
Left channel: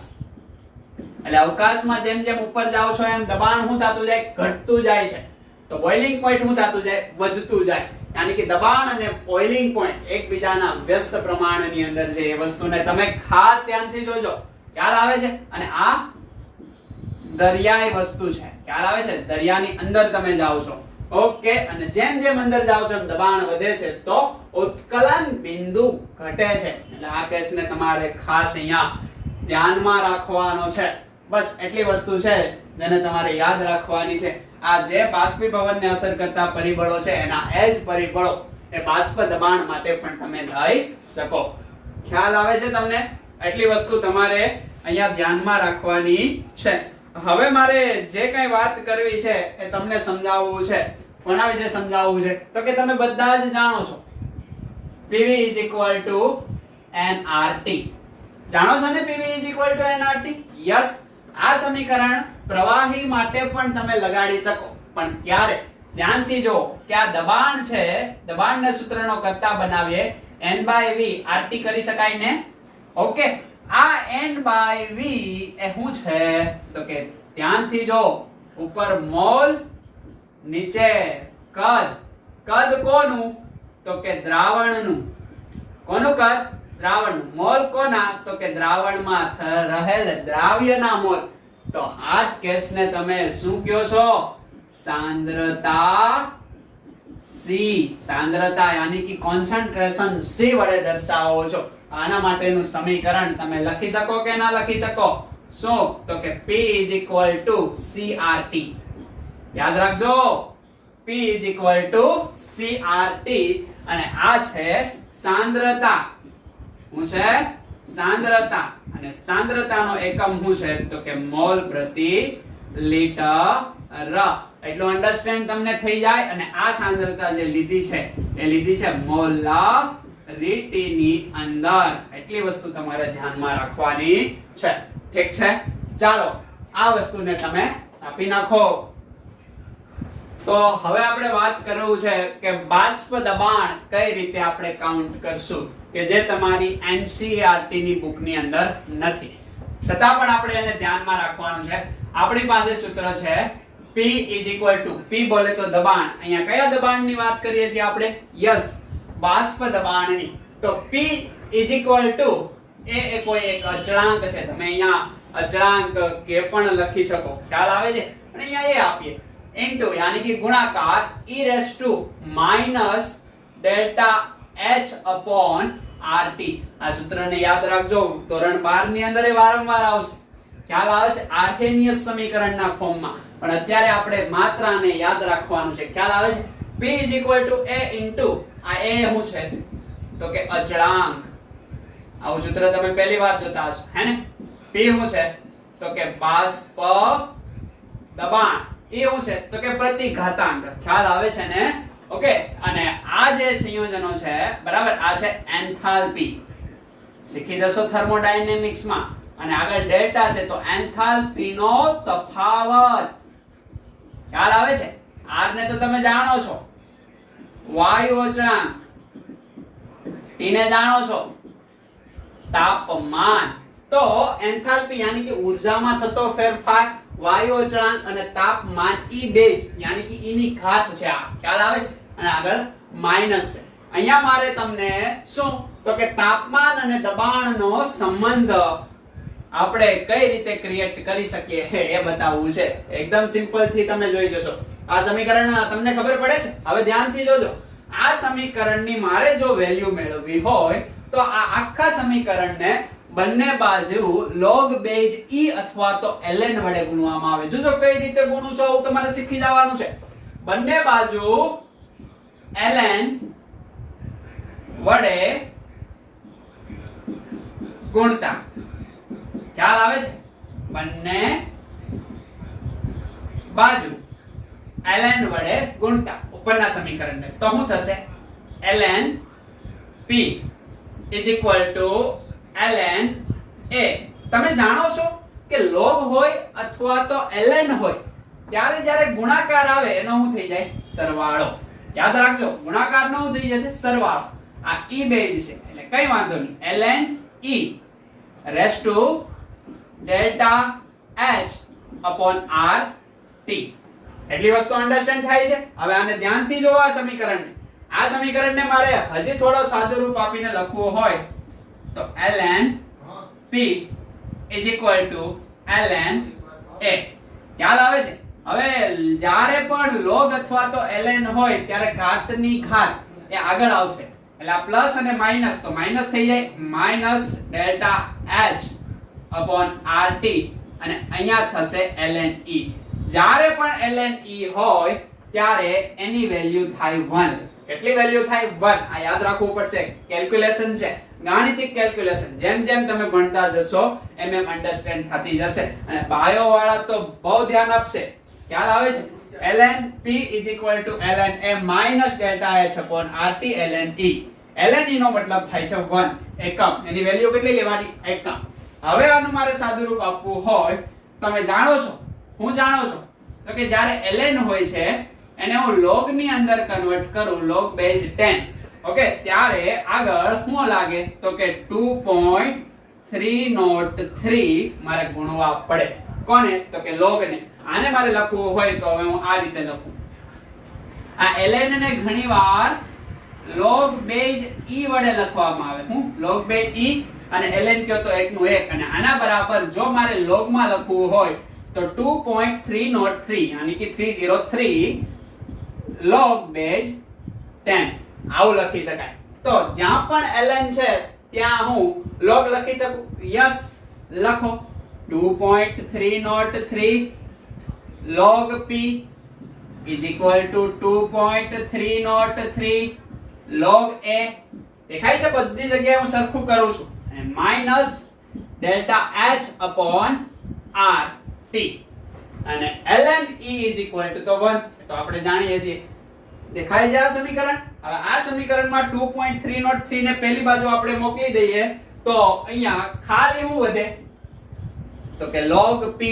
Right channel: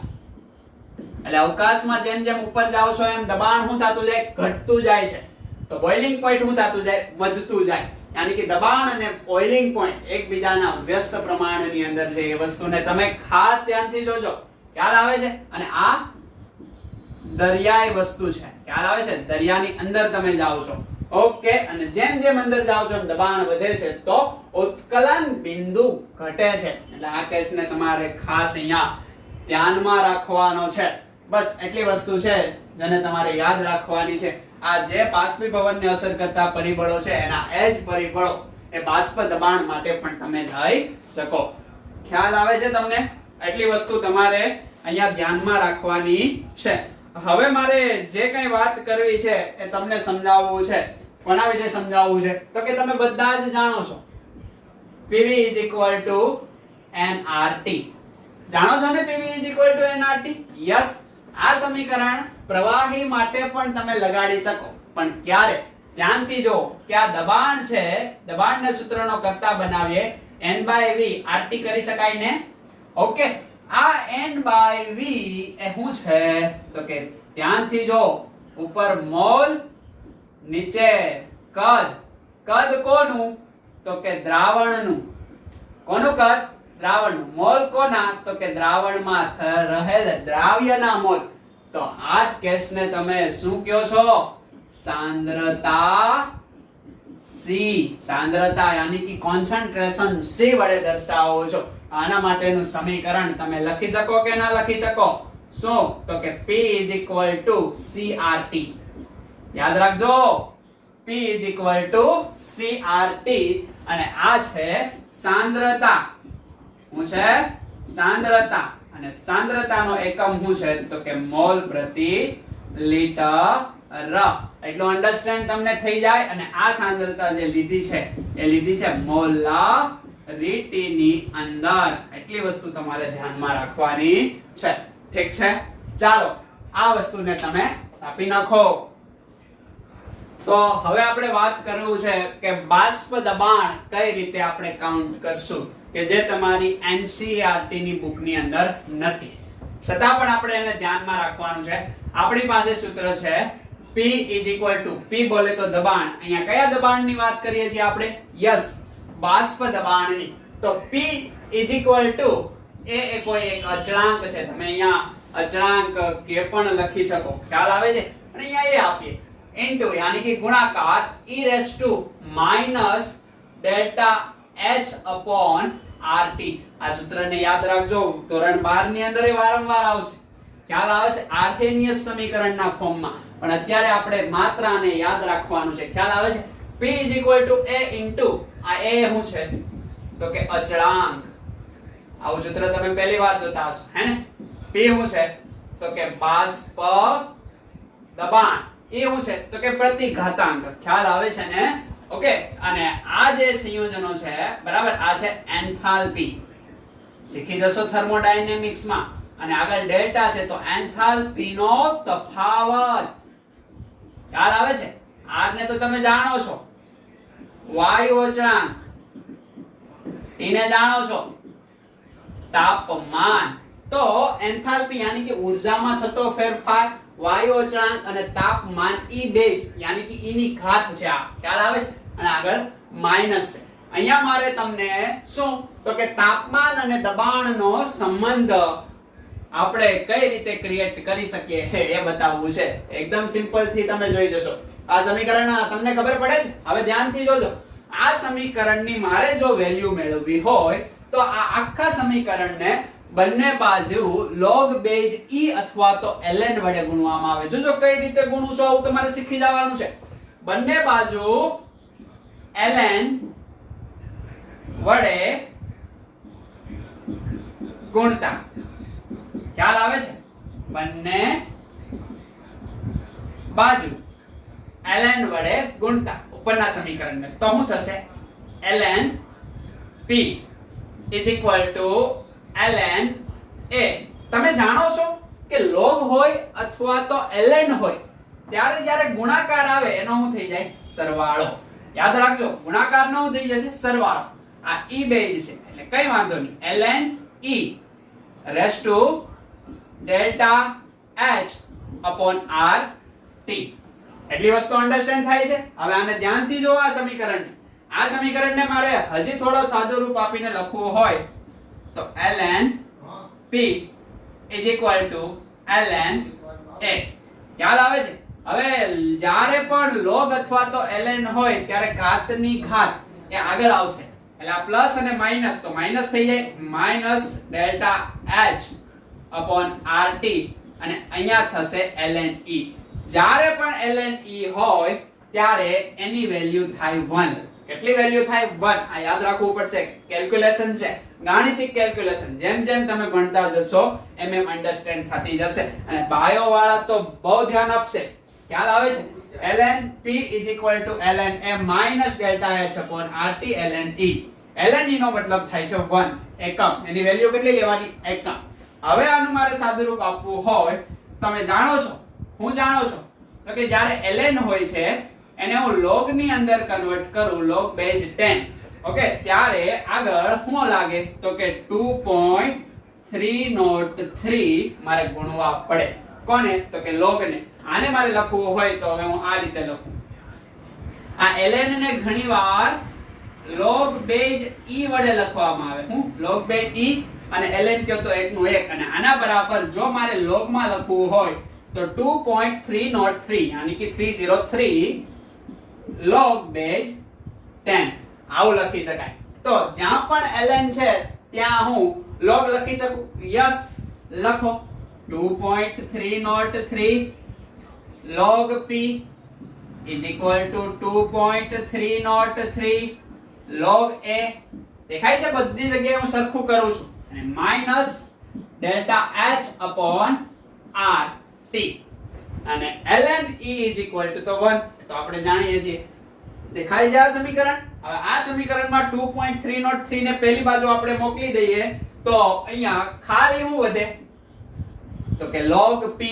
એટલે અવકાશમાં જેમ જેમ ઉપર જાઓ છો એમ દબાણ શું થતું જાય? ઘટતું જાય છે. તો બોઇલિંગ પોઈન્ટ શું થતું જાય? વધતું જાય. યાની કે દબાણ અને બોઇલિંગ પોઈન્ટ એકબીજાના વ્યસ્ત પ્રમાણની અંદર છે. એ વસ્તુને તમે ખાસ ધ્યાનથી જોજો. ખ્યાલ આવે છે? અને આ દરિયાઈ વસ્તુ છે. ખ્યાલ આવે છે? દરિયાની અંદર તમે જાઓ છો. ઓકે. અને જેમ જેમ અંદર જાઓ છો એમ દબાણ વધે છે તો ઉત્કલન બિંદુ ઘટે છે. એટલે આ કેસને તમારે ખાસ અહીંયા ધ્યાનમાં રાખવાનો છે. બસ એટલી વસ્તુ છે જેને તમારે યાદ રાખવાની છે. આ જે બાષ્પીભવનને અસર કરતા પરિબળો છે એના એ જ પરિબળો એ બાષ્પ દબાણ માટે પણ તમે લઈ શકો. ખ્યાલ આવે છે તમને? એટલી વસ્તુ તમારે અહીંયા ધ્યાનમાં રાખવાની છે. હવે મારે જે કઈ વાત કરવી છે એ તમને સમજાવવું છે. કોના વિશે સમજાવવું છે? તો કે તમે બધા જ જાણો છો PV nRT. જાણો છો ને PV nRT? યસ. આ સમીકરણ પ્રવાહી માટે પણ તમે લગાડી શકો. પણ ક્યારે? ધ્યાનથી જો કે આ દબાણ છે, દબાણને સૂત્રનો કરતા બનાવીએ n/v RT કરી શકાય ને? ઓકે. આ n/v એ શું છે? તો કે ધ્યાનથી જો, ઉપર મોલ, નીચે કદ. કદ કોનું? તો કે દ્રાવણનું. કોનું કદ? દ્રાવણનું. મોલ કોના? તો કે દ્રાવણમાં રહેલ દ્રાવ્યના મોલ. તો આ કેસને તમે શું કહો છો? સાંદ્રતા C. સાંદ્રતા યાની કે કોન્સન્ટ્રેશન C વડે દર્શાવો છો. આના માટેનું સમીકરણ તમે લખી શકો કે ના લખી શકો? શું? તો કે P CRT. યાદ રાખજો, P CRT. અને આ છે સાંદ્રતા. શું છે? સાંદ્રતા. અને સાંદ્રતાનો એકમ શું છે? તો કે મોલ પ્રતિ લિટર. એટલું અન્ડરસ્ટેન્ડ તમને થઈ જાય. અને આ સાંદ્રતા જે લીધી છે એ લીધી છે મોલારિટીની અંદર. એટલી વસ્તુ તમારે ધ્યાનમાં રાખવાની છે. ઠીક છે? ચાલો આ વસ્તુને તમે આપી નાખો. તો હવે આપણે વાત કરવું છે કે બાષ્પ દબાણ કઈ રીતે આપણે કાઉન્ટ કરશું, કે જે તમારી NCERT ની બુકની અંદર નથી. છતાં પણ આપણે એને ધ્યાનમાં રાખવાનું છે. આપણી પાસે સૂત્ર છે P P બોલે તો દબાણ. અહીંયા કયા દબાણની વાત કરીએ છીએ આપણે? યસ, બાષ્પ દબાણની. તો P એ કોઈ એક અચળાંક છે. તમે અહીંયા અચળાંક કે પણ લખી શકો. ખ્યાલ આવે છે? અને અહીંયા એ આપીએ ઇન્ટુ યાની કે ગુણાકાર e⁻ ΔH/RT. આ સૂત્રને યાદ રાખજો. ધોરણ 12 ની અંદર એ વારંવાર આવશે. ખ્યાલ આવે છે? આર્હેનિયસ સમીકરણના ફોર્મમાં. પણ અત્યારે આપણે માત્ર આને યાદ રાખવાનું છે. ખ્યાલ આવે છે? P A ઇન્ટુ આ એ શું છે? તો કે અચળાંક. આવું સૂત્ર તમે પહેલી વાર જોતા હશો, હે ને? P શું છે? તો કે બાષ્પ દબાણ. એ શું છે? તો કે પ્રતિઘાતાંક. ખ્યાલ આવે છે ને? ઓકે. અને આ જે સંયોજનો છે, બરાબર, આ છે એન્થાલ્પી. શીખી જશો થર્મોડાયનેમિક્સ માં. અને આગળ ડેલ્ટા છે તો એન્થાલ્પી નો તફાવત. ખ્યાલ આવે છે? R ને તો તમે જાણો છો, વાયુ અચળાંક. T ને જાણો છો, તાપમાન. તો એન્થાલ્પી યાની કે ઉર્જામાં થતો ફેરફાર, વાયુ અચળાંક અને તાપમાન, ઈ બેઝ યાની કે ઈ ની ઘાત છે આ. ખ્યાલ આવે છે? અને આગળ માઈનસ છે. અહીંયા મારે તમને શું? તો કે તાપમાન અને દબાણનો સંબંધ આપણે કઈ રીતે ક્રિએટ કરી શકીએ એ બતાવવું છે. એકદમ સિમ્પલ થી તમે જોઈ જશો. આ સમીકરણ તમને ખબર પડે છે? હવે ધ્યાનથી જોજો. આ સમીકરણની મારે જો વેલ્યુ મેળવવી હોય તો આ આખા સમીકરણને બંને બાજુ log બેઝ e અથવા તો ln વડે ગુણવામાં આવે. જોજો કઈ રીતે ગુણું છું આવું તમારે શીખી જવાનું છે. બંને બાજુ ln વડે ગુણતા. ખ્યાલ આવે છે? બંને બાજુ ln વડે ગુણતા ઉપરના સમીકરણને. તો શું થશે? ln p ln a. તમે જાણો છો કે log હોય અથવા તો ln હોય ત્યારે જ્યારે ગુણાકાર આવે એનો શું થઈ જાય? સરવાળો. યાદ રાખજો, ગુણાકાર નો થઈ જશે સરવાળો. આ e બેઝ છે એટલે કઈ વાંધો નહીં. ln e raise to delta h upon r t. એટલી વસ્તુ અન્ડરસ્ટેન્ડ થાય છે? હવે આને ધ્યાનથી જોવો આ સમીકરણને. આ સમીકરણને મારે હજી થોડો સાદું રૂપ આપીને લખવું હોય તો ln p is equal to ln a. ખ્યાલ આવે છે? હવે જ્યારે પણ log અથવા તો ln હોય ત્યારે ઘાતની ઘાત એ આગળ આવશે. એટલે આ પ્લસ અને માઈનસ, તો માઈનસ થઈ જાય minus delta h upon rt અને અહીંયા થશે ln e. જ્યારે પણ ln e હોય ત્યારે એની વેલ્યુ થાય 1. કેટલી વેલ્યુ થાય? 1. આ યાદ રાખવું પડશે. કેલ્ક્યુલેશન છે, ગાણિતિક કેલ્ક્યુલેશન. જેમ જેમ તમે ભણતા જશો એમ એમ અન્ડરસ્ટેન્ડ થતી જશે. અને બાયો વાળા તો બહુ ધ્યાન આપશે. ખ્યાલ આવે છે? ln p is equal to ln a minus delta h upon rt ln e. ln e નો મતલબ થાય છે 1 એકમ. એની વેલ્યુ કેટલી લેવાની? એકમ. હવે આનું મારે સાદું રૂપ આપવું હોય, તમે જાણો છો, હું જાણો છો તો કે જ્યારે ln હોય છે એને હું log ની અંદર કન્વર્ટ કરું, log base 10, ઓકે, ત્યારે આગળ શું લાગે તો કે 2.303 મારે ગુણવા પડે. કોને? તો કે log ને. આને મારે લખવું હોય તો હવે હું આ રીતે લખું. આ ln ને ઘણીવાર log base e વડે લખવામાં આવે. હું log base e અને ln કહો તો 1 નું 1. અને આના બરાબર જો મારે log માં લખવું હોય તો 2.303 યાની કે 303 log base 10 આવું લખી શકાય. તો જ્યાં પણ ln છે ત્યાં હું log લખી શકું. યસ, લખો. 2.303 log p is equal to 2.303 log a. દેખાય છે? બધી જગ્યાએ હું સરખું કરું છું. અને minus delta h upon r t. અને ln e is equal to તો 1. તો આપણે જાણીએ છીએ. દેખાય છે આ સમીકરણ? હવે આ સમીકરણમાં 2.303 ને પહેલી બાજુ આપણે મોકલી દઈએ તો અહીંયા ખાલી શું વધે તો કે log p.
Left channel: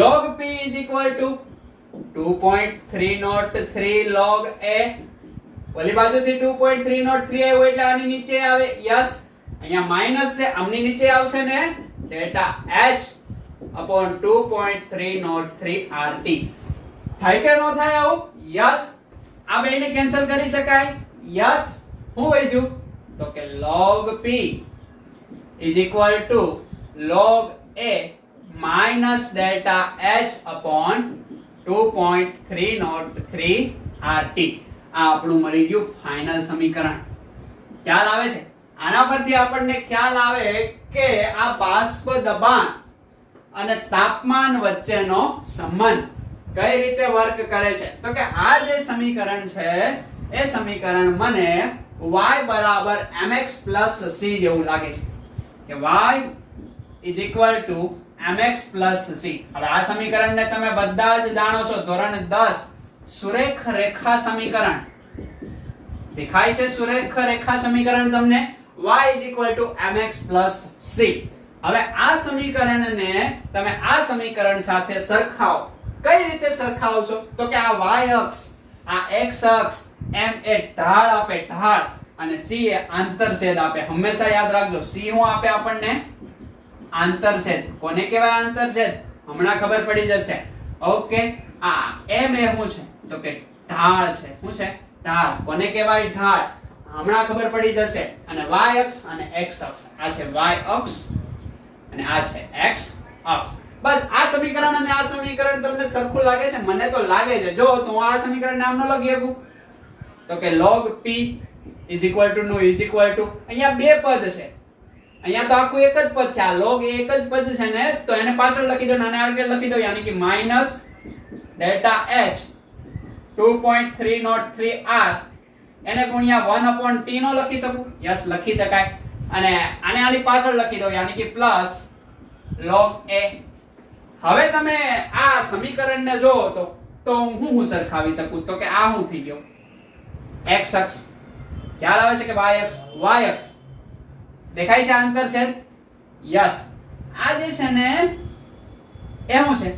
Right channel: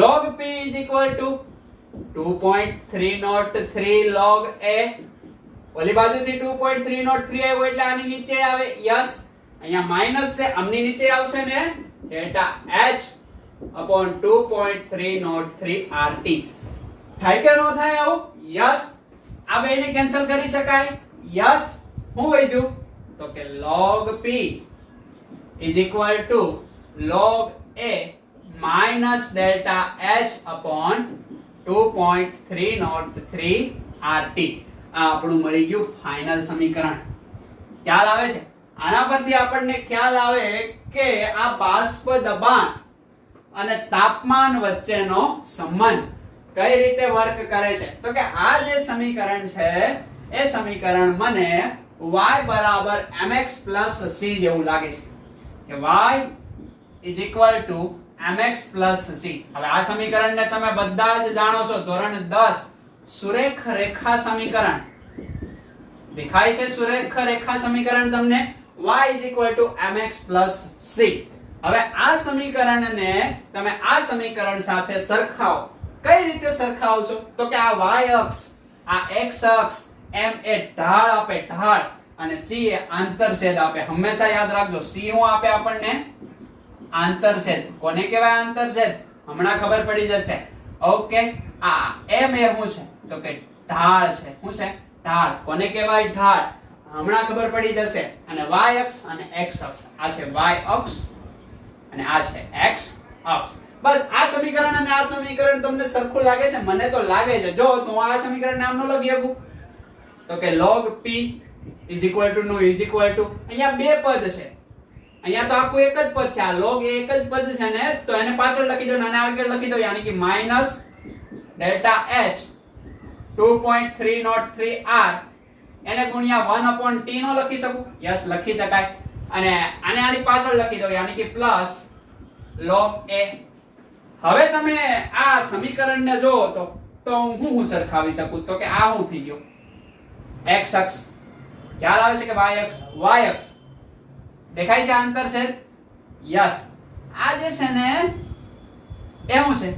log p is equal to 2.303 log a. ઓલી બાજુથી 2.303 આવ્યો એટલે આની નીચે આવે. યસ, અહીંયા માઈનસ છે, આમની નીચે આવશે ને ડેલ્ટા h upon 2.303 rt. થાય કે ન થાય આવું? યસ. આ બેને કેન્સલ કરી શકાય. યસ. શું વધ્યું તો કે log p is equal to log a minus delta h upon 2.303 rt. આ આપણું મળી ગયું ફાઇનલ સમીકરણ. ખ્યાલ આવે છે? આના પરથી આપણને ખ્યાલ આવે કે આ બાષ્પ દબાણ અને તાપમાન વચ્ચેનો સંબંધ કઈ રીતે વર્ક કરે છે. તો કે આ જે સમીકરણ છે એ સમીકરણ મને y બરાબર mx plus c જેવું લાગે છે કે y is equal to mx plus c. હવે આ સમીકરણને તમે બધા જ જાણો છો, ધોરણ 10 સુરેખ રેખા સમીકરણ. દેખાય છે સુરેખ રેખા સમીકરણ તમને? y is equal to mx plus c. હવે આ સમીકરણને તમે આ સમીકરણ સાથે સરખાવો. કઈ રીતે સરખાવશો તો કે આ y અક્ષ, આ x અક્ષ, m એ ઢાળ આપે, ઢાળ, અને c એ આંતરછેદ આપે. હંમેશા યાદ રાખજો, c શું આપે આપણને? આંતરછેદ. કોને કહેવાય આંતરછેદ? હમણાં ખબર પડી જશે. ઓકે, આ m એ શું છે તો કે ઢાળ છે. શું છે? ઢાળ. કોને કહેવાય? ઢાળ. હમણાં ખબર પડી જશે. અને y અક્ષ અને x અક્ષ, આ છે y અક્ષ અને આ છે x અક્ષ. બસ આ સમીકરણ અને આ સમીકરણ તમને સરખું લાગે છે? મને તો લાગે છે. જો તો આ સમીકરણ નામ ન લખી શકું તો કે log p is equal to નું is equal to, અહીંયા બે પદ છે, અહીંયા તો આખું એક જ પદ છે. આ log એ એક જ પદ છે ને, તો એને પાછળ લખી દો અને આગળ લખી દો, યાની કે માઈનસ ડેલ્ટા h 2.303 r એને ગુણ્યા 1 upon t નો લખી શકું? યસ, લખી શકાય. અને આને આની પાછળ લખી દો, યાની કે પ્લસ log a. હવે તમે આ સમીકરણને જો તો હું સરખાવી શકું તો કે આ શું થઈ ગયો? x અક્ષ. ખ્યાલ આવે છે કે y અક્ષ? y અક્ષ. દેખાય છે આંતરછેદ? યસ. આ જે છે ને એ શું છે?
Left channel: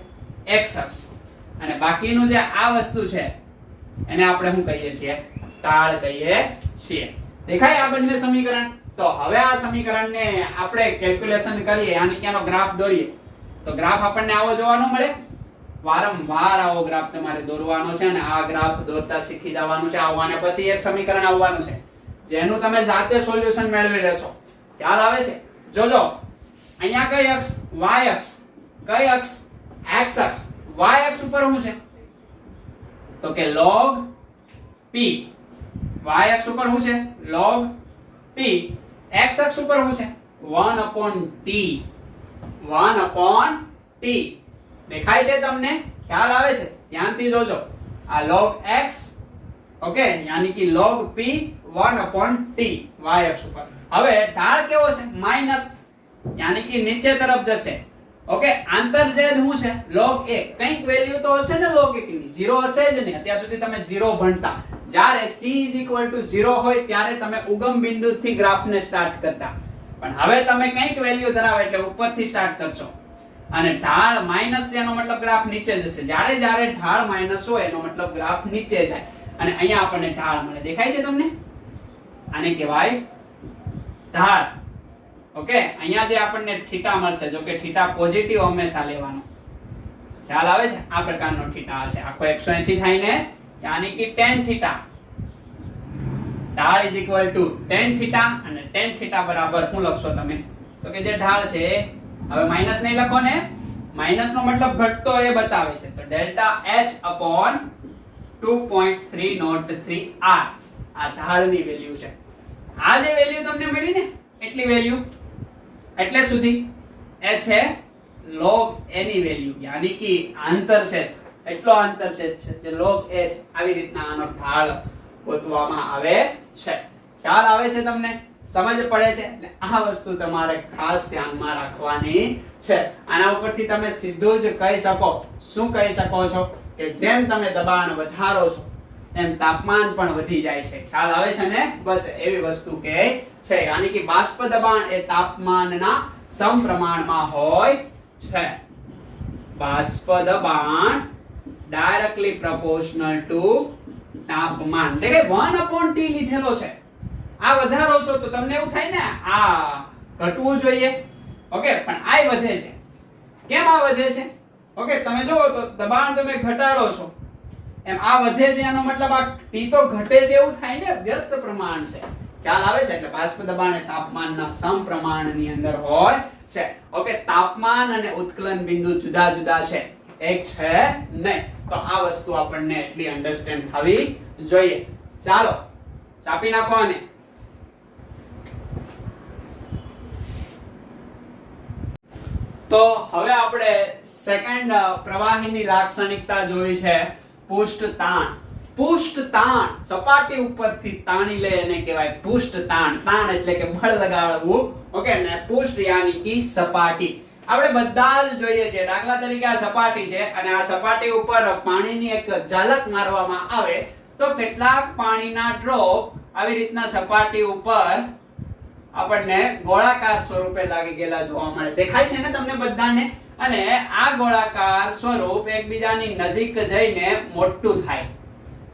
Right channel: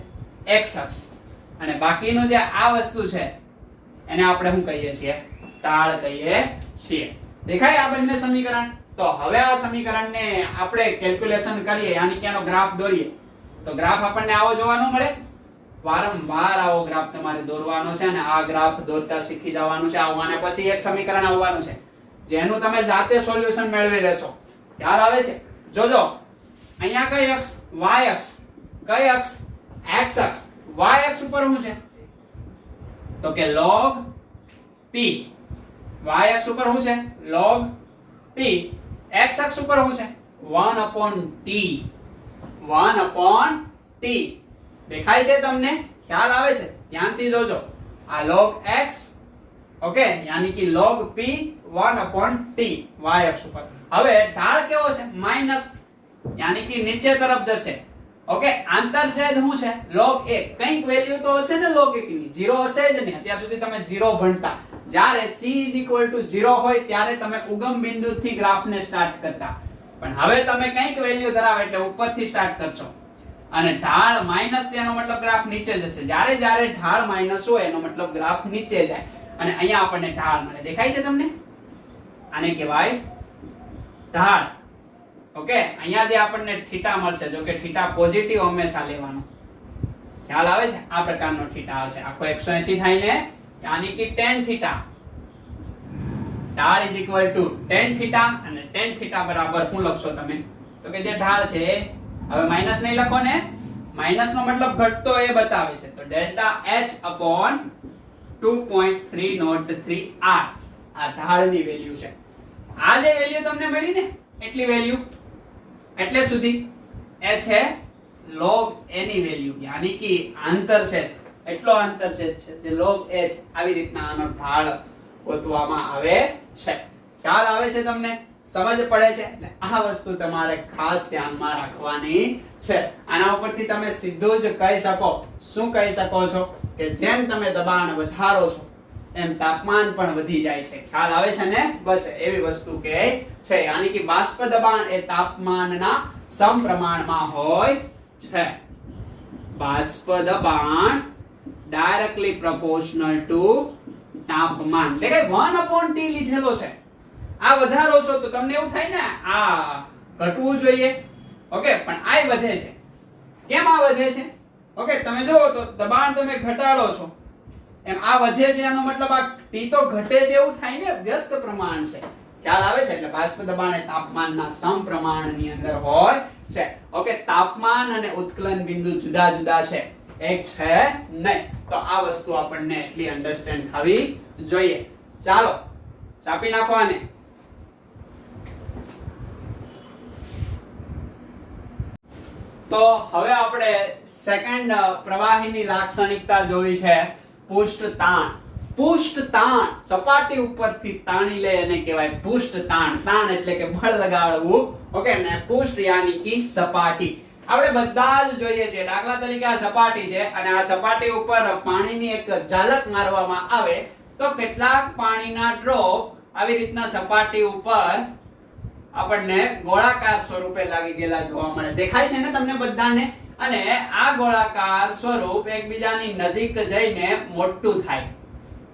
x અક્ષ. અને બાકીનું જે આ વસ્તુ છે એને આપણે શું કહીએ છીએ? ઢાળ કહીએ છીએ. દેખાય આ બંને સમીકરણ? તો હવે આ સમીકરણને આપણે કેલ્ક્યુલેશન કરીએ, યાની કે આનો ગ્રાફ દોરીએ. તો ગ્રાફ આપણને આવો જોવાનો મળે. વારંવાર આવો ગ્રાફ તમારે દોરવાનો છે ને આ ગ્રાફ દોરતા શીખી જવાનું છે. આવવાને પછી એક સમીકરણ આવવાનું છે જેનું તમે જાતે સોલ્યુશન મેળવી લેશો. ખ્યાલ આવે છે? જોજો અહીંયા કઈ અક્ષ? y અક્ષ. કઈ અક્ષ? x અક્ષ. y અક્ષ ઉપર શું છે? તો કે log p. y અક્ષ ઉપર શું છે? log p. x અક્ષ ઉપર શું છે? 1/t. 1/t. દેખાય છે તમને? ખ્યાલ આવે છે? ધ્યાનથી જોજો. આ log x ઓકે યાની કે log p 1/t y અક્ષ ઉપર. હવે ઢાળ કેવો છે? માઈનસ યાની કે નીચે તરફ જશે. ઓકે આંતરછેદ શું છે? log 1. કંઈક વેલ્યુ તો હશે ને log 1 ની? 0 હશે જ નહીં. અત્યાર સુધી તમે 0 ભણતા. જ્યારે c = 0 હોય ત્યારે તમે ઉગમ બિંદુથી ગ્રાફને સ્ટાર્ટ કરતા. પણ હવે તમે કંઈક વેલ્યુ ધરાવે એટલે ઉપરથી સ્ટાર્ટ કરશો. અને ઢાળ માઈનસ છે એનો મતલબ ગ્રાફ નીચે જશે. જ્યારે ઢાળ માઈનસ હોય એનો મતલબ ગ્રાફ નીચે જાય. અને અહીંયા આપણને ઢાળ મળે. દેખાય છે તમને? આને કહેવાય ઢાળ. ઓકે અહીંયા જે આપણને થીટા મળશે, જો કે થીટા પોઝિટિવ હંમેશા લેવાનો. ખ્યાલ આવે છે? આ પ્રકારનો થીટા હશે. આખો 180 થાય ને યાની કે tan થીટા. ઢાળ tan થીટા અને tan થીટા બરાબર શું લખશો તમે? તો કે જે ઢાળ છે હવે માઈનસ નહીં લખો ને. માઈનસ નો મતલબ ઘટતો એ બતાવે છે. તો ડેલ્ટા h / 2.303 r આ ઢાળની વેલ્યુ છે. આ જે વેલ્યુ તમને મળી ને એટલી વેલ્યુ એટલે સુધી એ છે log a ની વેલ્યુ યાની કે આંતરછેદ. એટલો આંતરછેદ છે જે log a છે. આવી રીતના આનો ઢાળ ગોતવામાં આવે છે. ખ્યાલ આવે છે તમને? સમજ પડે છે? એટલે આ વસ્તુ તમારે ખાસ ધ્યાનમાં રાખવાની છે. આના ઉપરથી તમે સીધું જ કહી શકો. શું કહી શકો છો? કે જેમ તમે દબાણ વધારો છો એમ તાપમાન પણ વધી જાય છે. ખ્યાલ આવે છે ને? બસ એવી વસ્તુ કે છે. યાની કે બાષ્પ દબાણ એ તાપમાનના સમપ્રમાણમાં હોય છે. બાષ્પ દબાણ ડાયરેક્ટલી પ્રોપોર્શનલ ટુ તાપમાન. એટલે કે 1/t લીધેલો છે. આ વધારો છો તો તમને એવું થાય ને આ ઘટવું જોઈએ. ઓકે પણ આ વધે છે. કેમ આ વધે છે? ઓકે તમે જુઓ તો દબાણ તમે ઘટાડો છો એમ આ વધે છે. એનો મતલબ આ t તો ઘટે છે એવું થાય ને. વ્યસ્ત પ્રમાણ છે. ખ્યાલ આવે છે? એટલે બાષ્પ દબાણ એ તાપમાનના સમપ્રમાણની અંદર હોય છે. ઓકે તાપમાન અને ઉત્કલન બિંદુ જુદા જુદા છે, એક છે નહીં. તો આ વસ્તુ આપણને એટલી અન્ડરસ્ટેન્ડ થવી જોઈએ. ચાલો ચાપી નાખો આને. તો હવે આપણે સેકન્ડ પ્રવાહીની લાક્ષણિકતા જોઈ છે પૃષ્ઠ તાણ. પૃષ્ઠ તાણ સપાટી ઉપરથી તાણી લે એને કહેવાય પૃષ્ઠ તાણ. તાણ એટલે કે બળ લગાડવું. ઓકે ને પૃષ્ઠ યાની કે સપાટી. આપણે બધા જ જોઈએ છે. દાખલા તરીકે આ સપાટી છે અને આ સપાટી ઉપર પાણીની એક ઝલક મારવામાં આવે તો કેટલાક પાણીના ડ્રોપ આવી રીતના સપાટી ઉપર આપણને ગોળાકાર સ્વરૂપે લાગી ગયેલા જોવા મળે. દેખાય છે ને તમને બધાને? અને આ ગોળાકાર સ્વરૂપ એકબીજાની નજીક જઈને મોટું થાય.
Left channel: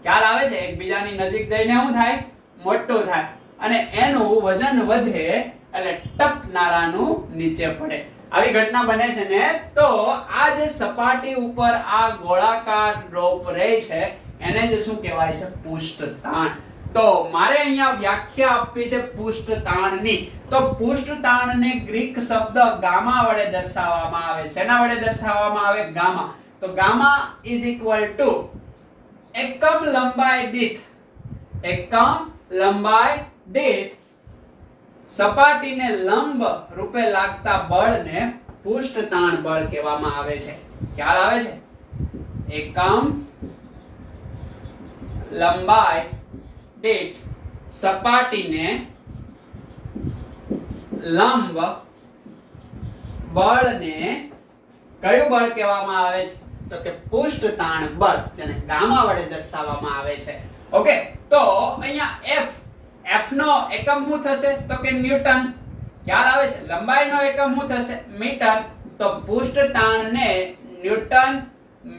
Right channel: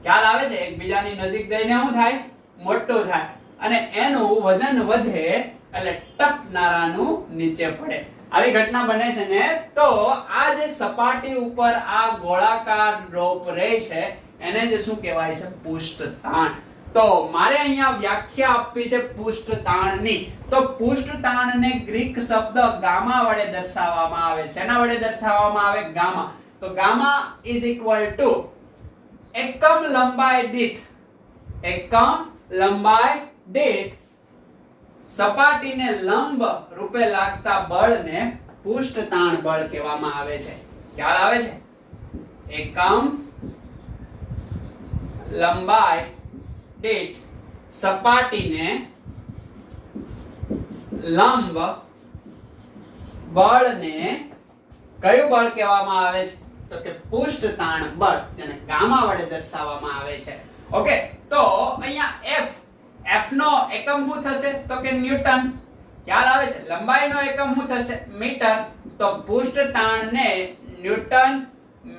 ખ્યાલ આવે છે? એકબીજાની નજીક જઈને શું થાય? મોટું થાય. અને એનું વજન વધે એટલે ટપનારાનું નીચે પડે. આવી ઘટના બને છે ને? તો આ જે સપાટી ઉપર આ ગોળાકાર ડ્રોપ રહે છે એને જે શું કહેવાય છે? પૃષ્ઠ તાણ. તો મારે અહીંયા વ્યાખ્યા આપવી છે પૃષ્ઠ તાણની. તો પૃષ્ઠ તાણને ગ્રીક શબ્દ ગામા વડે દર્શાવવામાં આવે. શેના વડે દર્શાવવામાં આવે? ગામા. તો ગામા = એકમ લંબાઈ દીઠ. એકમ લંબાઈ દીઠ સપાટીને લંબ રૂપે લાગતા બળને પૃષ્ઠ તાણ બળ કહેવામાં આવે છે. ખ્યાલ આવે છે? એકમ લંબાઈ દીઠ સપાટીને લંબ બળને કયું બળ કહેવામાં આવે છે? તો કે પૃષ્ઠ તાણ બળ, જેને ગામા વડે દર્શાવવામાં આવે છે. ઓકે તો અહીંયા f નો એકમ શું થશે? તો કે ન્યૂટન. ખ્યાલ આવે છે? લંબાઈનો એકમ શું થશે? મીટર. તો પૃષ્ઠ તાણને ન્યૂટન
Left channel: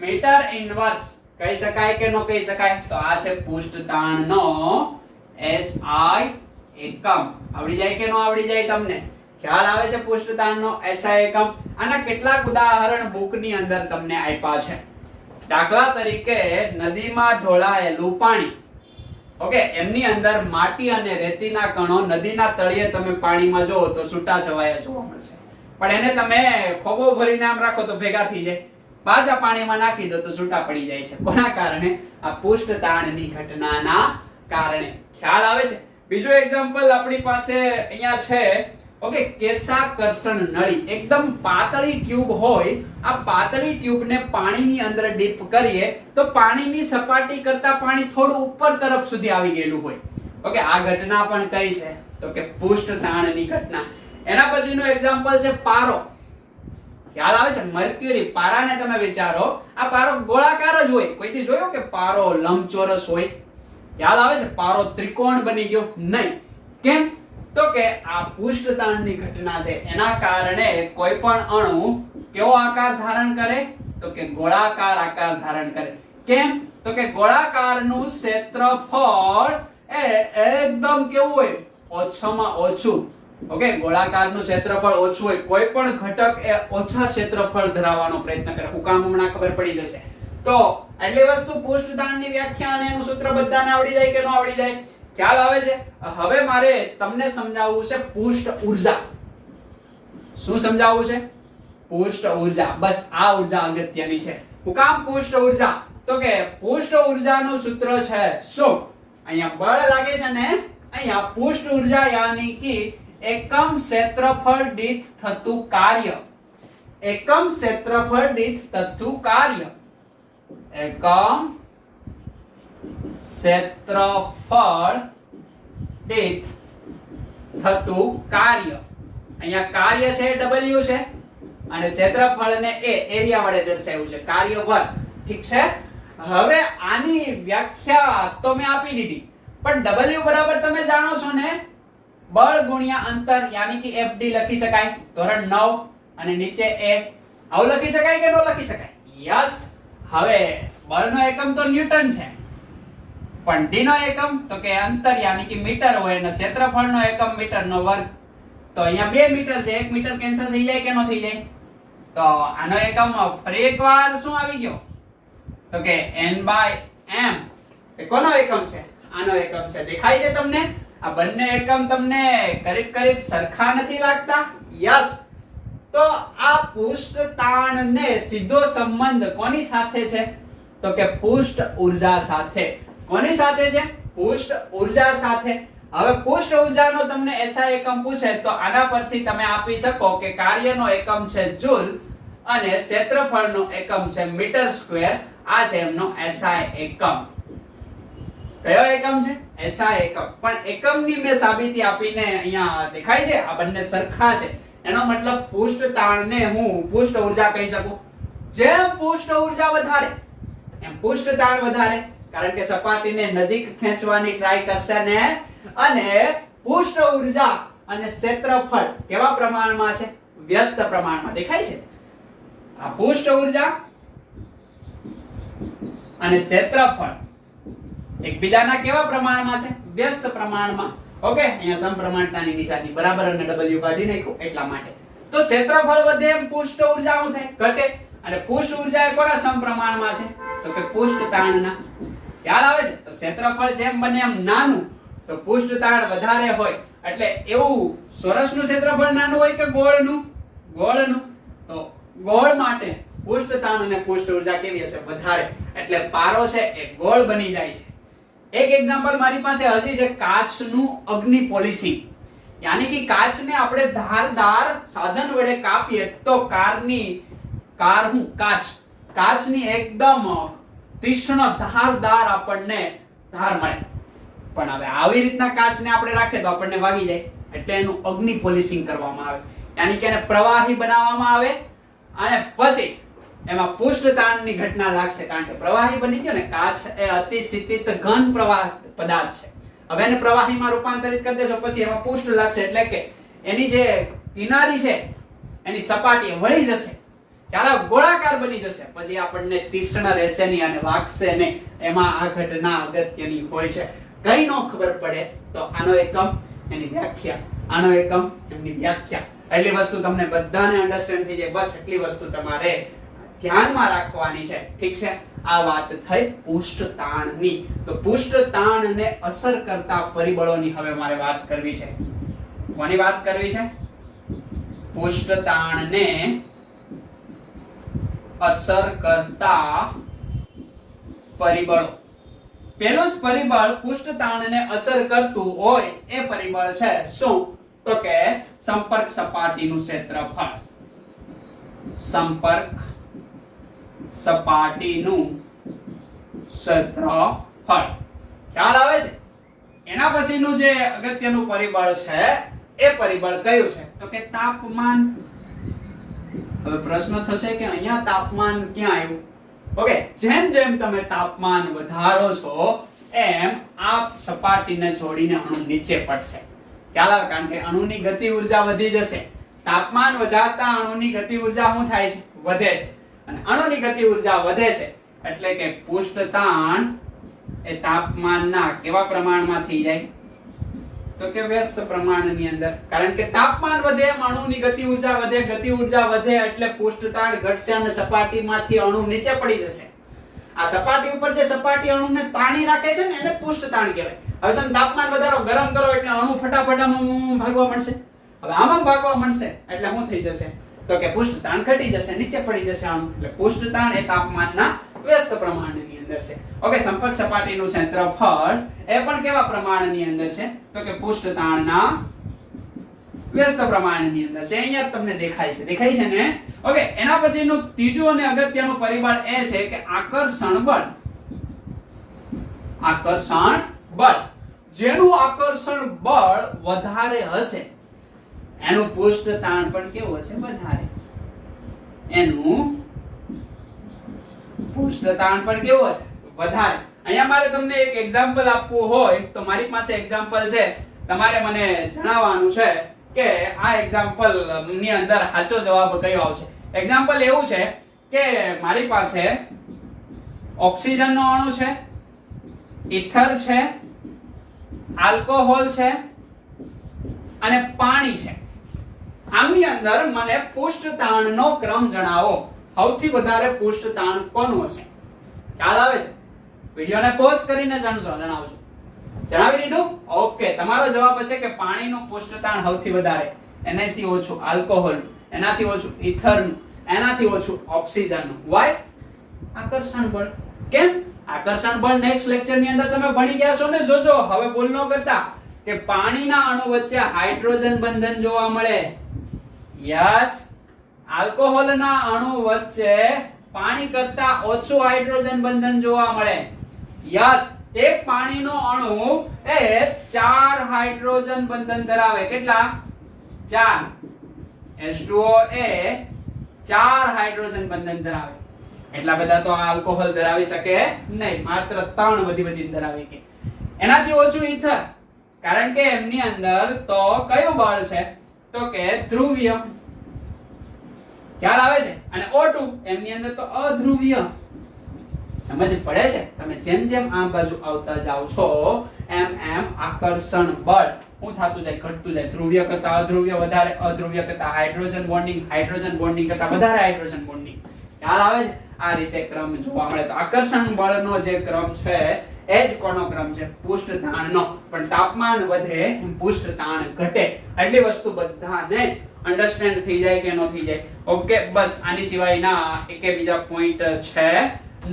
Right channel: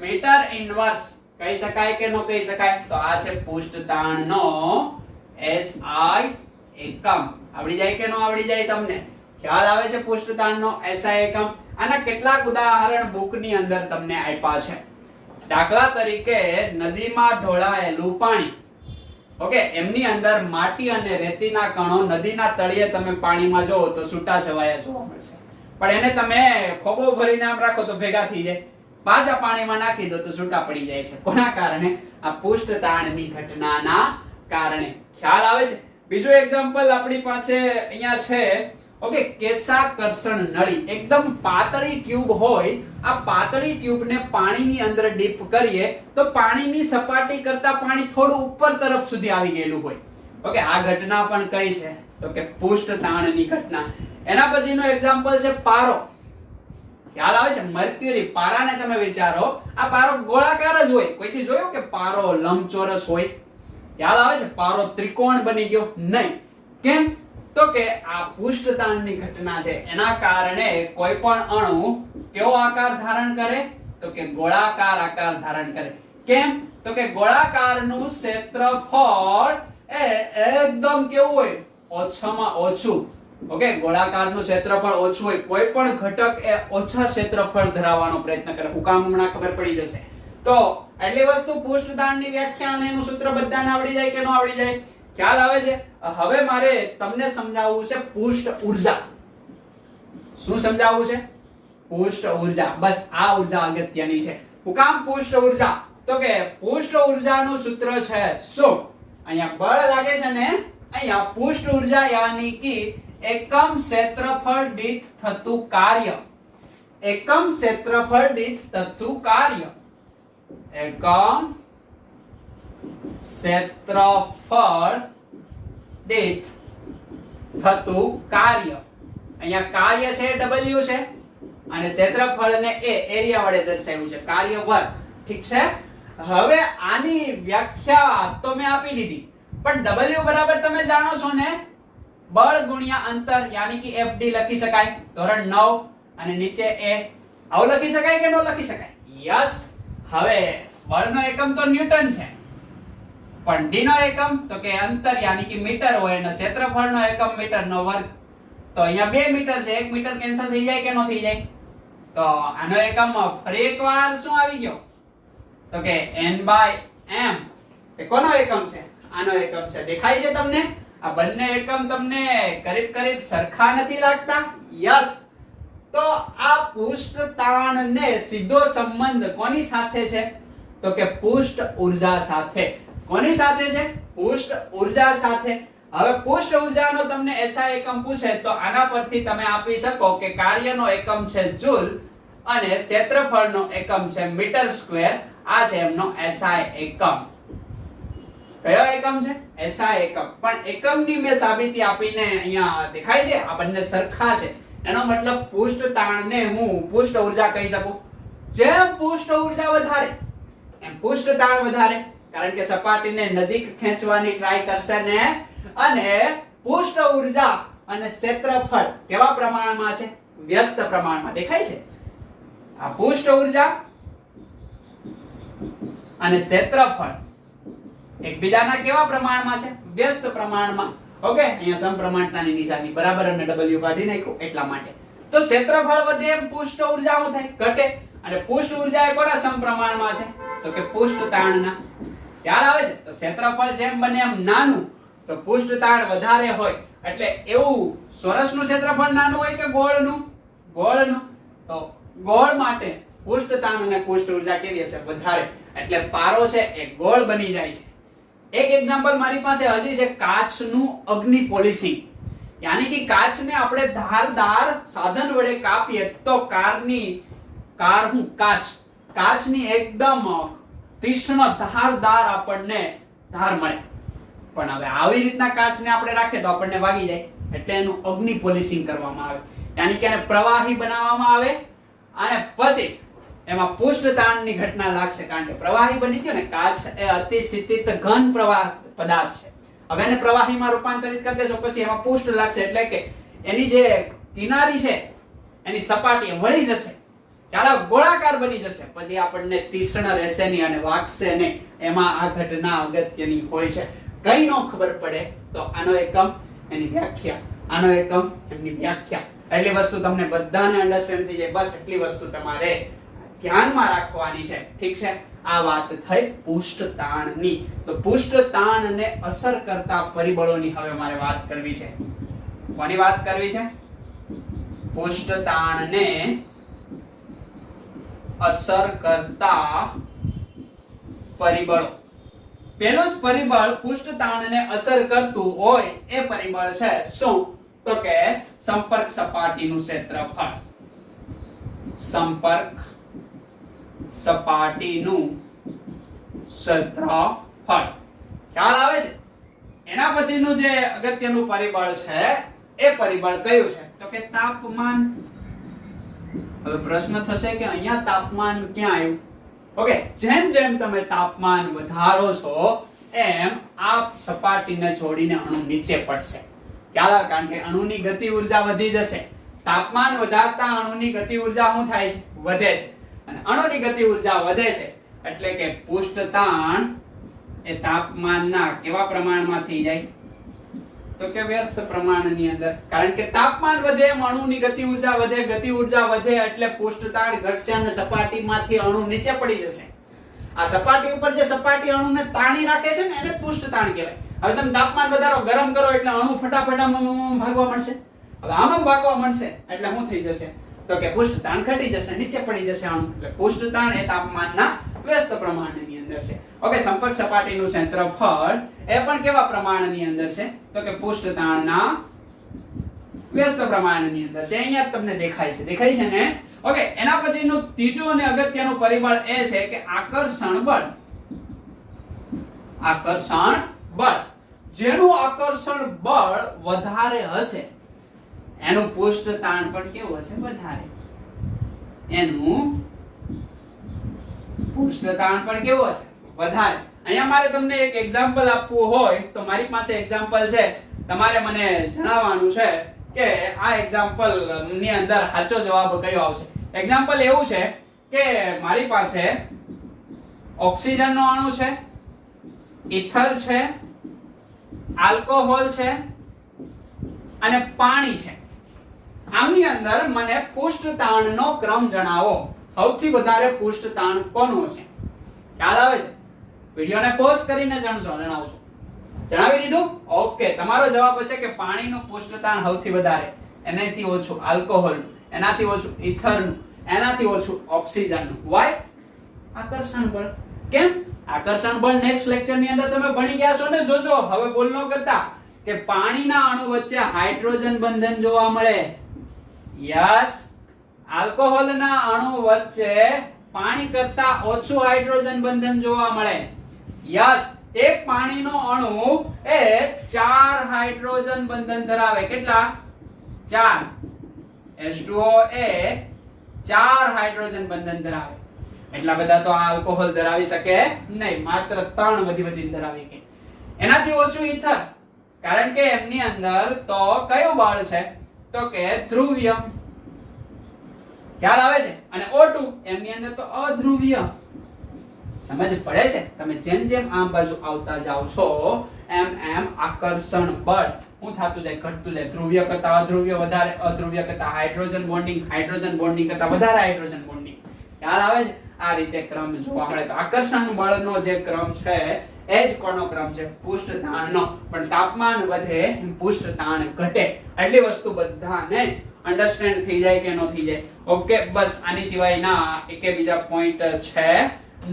મીટર ઇન્વર્સ કહી શકાય કે ન કહી શકાય? તો આ છે પૃષ્ઠ તાણનો SI એકમ. આવડી જાય કે ન આવડી જાય તમને? ખ્યાલ આવે છે પૃષ્ઠતાણનો SI એકમ? આના કેટલાક ઉદાહરણ બુકની અંદર તમને આપ્યા છે. દાખલા તરીકે નદીમાં ઢોળાયેલું પાણી. ઓકે, એમની અંદર માટી અને રેતીના કણો નદીના તળિયે તમે પાણીમાં જોવો તો છૂટાછવાયા જોવા મળશે, પણ એને તમે ખોબો ભરીને આમ રાખો તો ભેગા થઈ જાય, પાછા પાણીમાં નાખી દો તો છૂટા પડી જાય છે. કોના કારણે? આ પૃષ્ઠતાણની ઘટનાના કારણે. ખ્યાલ આવે છે? બીજું એક્ઝામ્પલ આપણી પાસે અહીંયા છે. ઓકે, કેશાકર્ષણ નળી. એકદમ પાતળી ટ્યુબ હોય, આ પાતળી ટ્યુબને પાણીની અંદર ડીપ કરીએ તો પાણીની સપાટી કરતા પાણી થોડું ઉપર તરફ સુધી આવી ગયેલું હોય. ઓકે, આ ઘટના પણ કઈ છે? તો કે પૃષ્ઠતાણની ઘટના. એના પછીનું એક્ઝામ્પલ છે પારો. ખ્યાલ આવે છે? મર્ક્યુરી. પારાને તમે વિચારો, આ પારો ગોળાકાર જ હોય. કોઈથી જોયો કે પારો લંબચોરસ હોય? ખ્યાલ આવે છે? પારો ત્રિકોણ બની ગયો નહીં. કેમ? તો કે આ પૃષ્ઠતાણની ઘટના છે. એના કારણે કોઈ પણ અણુ કેવો આકાર ધારણ કરે? તો કે ગોળાકાર આકાર ધારણ કરે. કેમ? તો કે ગોળાકારનું ક્ષેત્રફળ એ એકદમ કેવું હોય? ઓછામાં ઓછું. ઓકે, ગોળાકારનું ક્ષેત્રફળ ઓછું હોય. કોઈ પણ ઘટક એ ઓછા ક્ષેત્રફળ ધરાવવાનો પ્રયત્ન કરે. હું કામ હમણાં ખબર પડી જશે. તો આટલી વસ્તુ પૃષ્ઠતાણની વ્યાખ્યા અને એનું સૂત્ર બધાને આવડી જાય કે ન આવડી જાય? ખ્યાલ આવે છે? હવે મારે તમને સમજાવવું છે પૃષ્ઠ ઊર્જા. શું સમજાવવું છે? પૃષ્ઠ ઊર્જા. બસ આ ઊર્જા અગત્યની છે. હું કામ પૃષ્ઠ ઊર્જા? તો કે પૃષ્ઠ ઊર્જાનું સૂત્ર છે શું? અહીંયા બળ લાગે છે ને, અહીંયા પૃષ્ઠ ઊર્જા યાની કે એકમ ક્ષેત્રફળ દીઠ થતું કાર્ય. એકમ ક્ષેત્રફળ દીઠ થતું કાર્ય. એકમ ક્ષેત્રફળ દીઠ થતું કાર્ય. અહીંયા કાર્ય છે W છે અને ક્ષેત્રફળને એ એરિયા વડે દર્શાવ્યું છે, કાર્ય વર્ગ. ઠીક છે? હવે આની વ્યાખ્યા તો મેં આપી દીધી, પણ W બરાબર તમે જાણો છો ને, બળ ગુણ્યા અંતર યાની કે FD લખી શકાય. ધોરણ 9 અને નીચે A. આવું લખી શકાય કે ન લખી શકાય? યસ. હવે બળનો એકમ તો ન્યૂટન છે, પણ d નો એકમ તો કે અંતર યાની કે મીટર હોય અને ક્ષેત્રફળનો એકમ મીટરનો વર્ગ. તો અહીંયા 2 મીટર છે, 1 મીટર કેન્સલ થઈ જાય કે ન થઈ જાય? તો આનો એકમ ફરી એકવાર શું આવી ગયો? તો કે n/m. એ કોનો એકમ છે? આનો એકમ છે. દેખાય છે તમને? આ બંને એકમ તમને કરીબ સરખા નથી લાગતા? યસ. તો આ પૃષ્ઠતાણને સીધો સંબંધ કોની સાથે છે? તો કે પૃષ્ઠ ઊર્જા સાથે. કોની સાથે છે? પૃષ્ઠ ઊર્જા સાથે. હવે પૃષ્ઠ ઊર્જાનો તમને SI એકમ પૂછે તો આના પરથી તમે આપી શકો કે કાર્યનો એકમ છે જૂલ અને ક્ષેત્રફળનો એકમ છે મીટર સ્ક્વેર. આ છે એમનો SI એકમ. કયો એકમ છે? SI એકમ. પણ એકમની મેં સાબિતી આપીને અહીંયા દેખાય છે આ બંને સરખા છે. એનો મતલબ પૃષ્ઠતાણને હું પૃષ્ઠ ઊર્જા કહી શકું. જેમ પૃષ્ઠ ઊર્જા વધારે એમ પૃષ્ઠતાણ વધારે, કારણ કે સપાટીને નજીક ખેંચવાની ટ્રાય કરશે ને. અને પૃષ્ઠ ઊર્જા અને ક્ષેત્રફળ કેવા પ્રમાણમાં છે? વ્યસ્ત પ્રમાણમાં. દેખાય છે? આ પૃષ્ઠ ઊર્જા અને ક્ષેત્રફળ એકબીજાના કેવા પ્રમાણમાં છે? વ્યસ્ત પ્રમાણમાં. ઓકે, અહીંયા સમપ્રમાણતાની નિશાની બરાબર અને W કાઢી નાખ્યું એટલા માટે. તો ક્ષેત્રફળ વધે એમ પૃષ્ઠ ઊર્જા શું થાય? ઘટે. અને પૃષ્ઠ ઊર્જા એ કોના સમપ્રમાણમાં છે? તો કે પૃષ્ઠતાણના. ખ્યાલ આવે છે? તો ક્ષેત્રફળ જેમ બને એમ નાનું તો પૃષ્ઠતાણ વધારે હોય. એટલે એવું ચોરસનું ક્ષેત્રફળ નાનું હોય કે ગોળનું? ગોળનું. તો ગોળ માટે પૃષ્ઠતાણ અને પૃષ્ઠ ઊર્જા કેવી હશે? વધારે. એટલે પારો છે એ ગોળ બની જાય છે. એક એક્ઝામ્પલ મારી પાસે હજી છે કાચનું અગ્નિ પોલિશિંગ. યાની કે કાચને આપણે ધારદાર સાધન વડે કાપીએ તો કાચની એકદમ તીક્ષ્ણ ધારદાર આપણને ધાર મળે. પણ હવે આવી રીતના કાચને આપણે રાખીએ તો આપણને વાગી જાય, એટલે એનું અગ્નિ પોલિશિંગ કરવામાં આવે. યાની કે એને પ્રવાહી બનાવવામાં આવે અને પછી એમાં પૃષ્ઠતાણની ઘટના લાગશે, કારણ કે પ્રવાહી બની ગયો ને. કાચ એ અતિ શીતિત ઘન પ્રવાહ પદાર્થ છે. હવે એને પ્રવાહીમાં રૂપાંતરિત કરી દેશો પછી એમાં પૃષ્ઠ લાગશે, એટલે કે એની જે કિનારી છે એની સપાટી વળી જશે, ત્યારે ગોળાકાર બની જશે. પછી આપણને તીક્ષ્ણ રહેશે નહીં અને વાગશે નહીં. એમાં આ ઘટના અગત્યની હોય છે. કઈ નો ખબર પડે તો આનો એકમ એની વ્યાખ્યા, આનો એકમ એમની વ્યાખ્યા. એટલી વસ્તુ તમને બધાને અન્ડરસ્ટેન્ડ થઈ જાય. બસ એટલી વસ્તુ તમારે ધ્યાનમાં રાખવાની છે. ઠીક છે, આ વાત થઈ પૃષ્ઠ તાણની. તો પૃષ્ઠ તાણને અસર કરતા પરિબળોની હવે મારે વાત કરવી છે. કોની વાત કરવી છે? પૃષ્ઠ તાણને અસર કરતા પરિબળો. પહેલું જ પરિબળ પૃષ્ઠ તાણને અસર કરતું હોય એ પરિબળ છે શું? તો કે સંપર્ક સપાટીનું ક્ષેત્રફળ. સંપર્ક સપાટીનું ક્ષેત્રફળ. ખ્યાલ આવે છે? એના પછીનું જે અગત્યનું પરિબળ છે એ પરિબળ કયું છે? તો કે તાપમાન. હવે પ્રશ્ન થશે કે અહીંયા તાપમાન ક્યાં આવ્યું? ઓકે, જેમ જેમ તમે તાપમાન વધારો છો એમ આ સપાટીને છોડીને અણુ નીચે પડશે. ખ્યાલ આવે? કારણ કે અણુની ગતિ ઉર્જા વધી જશે. તાપમાન વધારતા અણુની ગતિ ઉર્જા શું થાય છે? વધે છે. અને અણુની ગતિ ઉર્જા વધે છે એટલે કે પૃષ્ઠ તાણ એ તાપમાનના કેવા પ્રમાણમાં થઈ જાય? તો કે વ્યસ્ત પ્રમાણની અંદર. કારણ કે તાપમાન વધે એમ અણુની ગતિ ઉર્જા વધે, ગતિ ઉર્જા વધે એટલે પૃષ્ઠ તાણ ઘટશે અને સપાટીમાંથી અણુ નીચે પડી જશે. આ સપાટી ઉપર જે સપાટી અણુને તાણી રાખે છે ને એને પૃષ્ઠ તાણ કહેવાય. હવે તમે તાપમાન વધારો, ગરમ કરો એટલે અણુ ફટાફટ ભાગવા મળશે. હવે આમ ભાગવા મળશે એટલે શું થઈ જશે? તો કે પૃષ્ઠ તાણ ઘટી જશે, નીચે પડી જશે અણુ. એટલે પૃષ્ઠ તાણ એ તાપમાનના વ્યસ્ત પ્રમાણની અંદર છે. ઓકે, સંપર્ક સપાટીનું ક્ષેત્રફળ એ પણ કેવા પ્રમાણની અંદર છે? તો કે પૃષ્ઠ તાણના વ્યસ્ત પ્રમાણની અંદર છે. અહીંયા તમને દેખાય છે, દેખાય છે ને? ઓકે, એના પછીનું ત્રીજું અને અગત્યનું પરિબળ એ છે કે આકર્ષણ બળ. આકર્ષણ બળ. જેનું આકર્ષણ બળ વધારે હશે એનું પૃષ્ઠ તાણ પણ કેવું હશે? વધારે. એનું પૃષ્ઠ તાણ પણ કેવું હશે? વધારે. અહીંયા મારે તમને એક એક્ઝામ્પલ આપવું હોય તો મારી પાસે એક્ઝામ્પલ છે. તમારે મને જણાવવાનું છે કે આ એક્ઝામ્પલ ની અંદર સાચો જવાબ કયો આવશે. એક્ઝામ્પલ એવું છે કે મારી પાસે ઓક્સિજન નો અણુ છે, ઇથર છે, આલ્કોહોલ છે અને પાણી છે. આની અંદર મને પૃષ્ઠ તાણનો ક્રમ જણાવો. સૌથી વધારે પૃષ્ઠ તાણ કોનું હશે? ખ્યાલ આવે છે? વિડિયોને પોઝ કરીને જણાવજો. જણાવી દીધું? ઓકે, તમારો જવાબ હશે કે પાણીનું પૃષ્ઠ તાણ સૌથી વધારે, એનાથી ઓછું આલ્કોહોલનું, એનાથી ઓછું ઇથરનું, એનાથી ઓછું ઓક્સિજનનું. વાય? આકર્ષણ બળ. કેમ? આકર્ષણ બળ નેક્સ્ટ લેક્ચર ની અંદર તમે ભણી ગયા છો ને. જોજો, હવે ભૂલ ન કરતા કે પાણીના અણુ વચ્ચે હાઇડ્રોજન બંધન જોવા મળે. યસ, આલ્કોહોલના અણુ વચ્ચે પાણી કરતા ઓછું હાઇડ્રોજન બંધન જોવા મળે. યસ, એક પાણીનો અણુ એ 4 હાઇડ્રોજન બંધન ધરાવે. કેટલા? 4. H2O એ 4 હાઇડ્રોજન બંધન ધરાવે. એટલા બધા તો આલ્કોહોલ ધરાવી શકે નહીં, માત્ર 3 વધી ધરાવી કે. એનાથી ઓછું ઇથર, કારણ કે એમની અંદર તો કયું બળ છે? તો કે ધ્રુવીય. ખ્યાલ આવે છે? અને O2 એમની અંદર તો અધ્રુવીય. સમજ પડે છે? તમે જેમ જેમ આ બાજુ આવતા જાવ છો એમ એમ આકર્ષણ બળ શું થતું જાય? ઘટતું જાય. ધ્રુવીય કરતા અધ્રુવીય વધારે, અધ્રુવીય કરતા હાઇડ્રોજન બોન્ડિંગ, હાઇડ્રોજન બોન્ડિંગ કરતા વધારે હાઇડ્રોજન બોન્ડિંગ. ખ્યાલ આવે છે? આ રીતે ક્રમ જોવા મળે. તો આકર્ષણ બળનો જે ક્રમ છે એ જ કોનો ક્રમ છે? પૃષ્ઠ તાણનો. પણ તાપમાન વધે એમ પૃષ્ઠ તાણ ઘટે. એટલી વસ્તુ બધાને જ અન્ડરસ્ટેન્ડ થઈ જાય કે ન થઈ જાય? ઓકે, બસ આની સિવાયના એકે બીજા પોઈન્ટ છે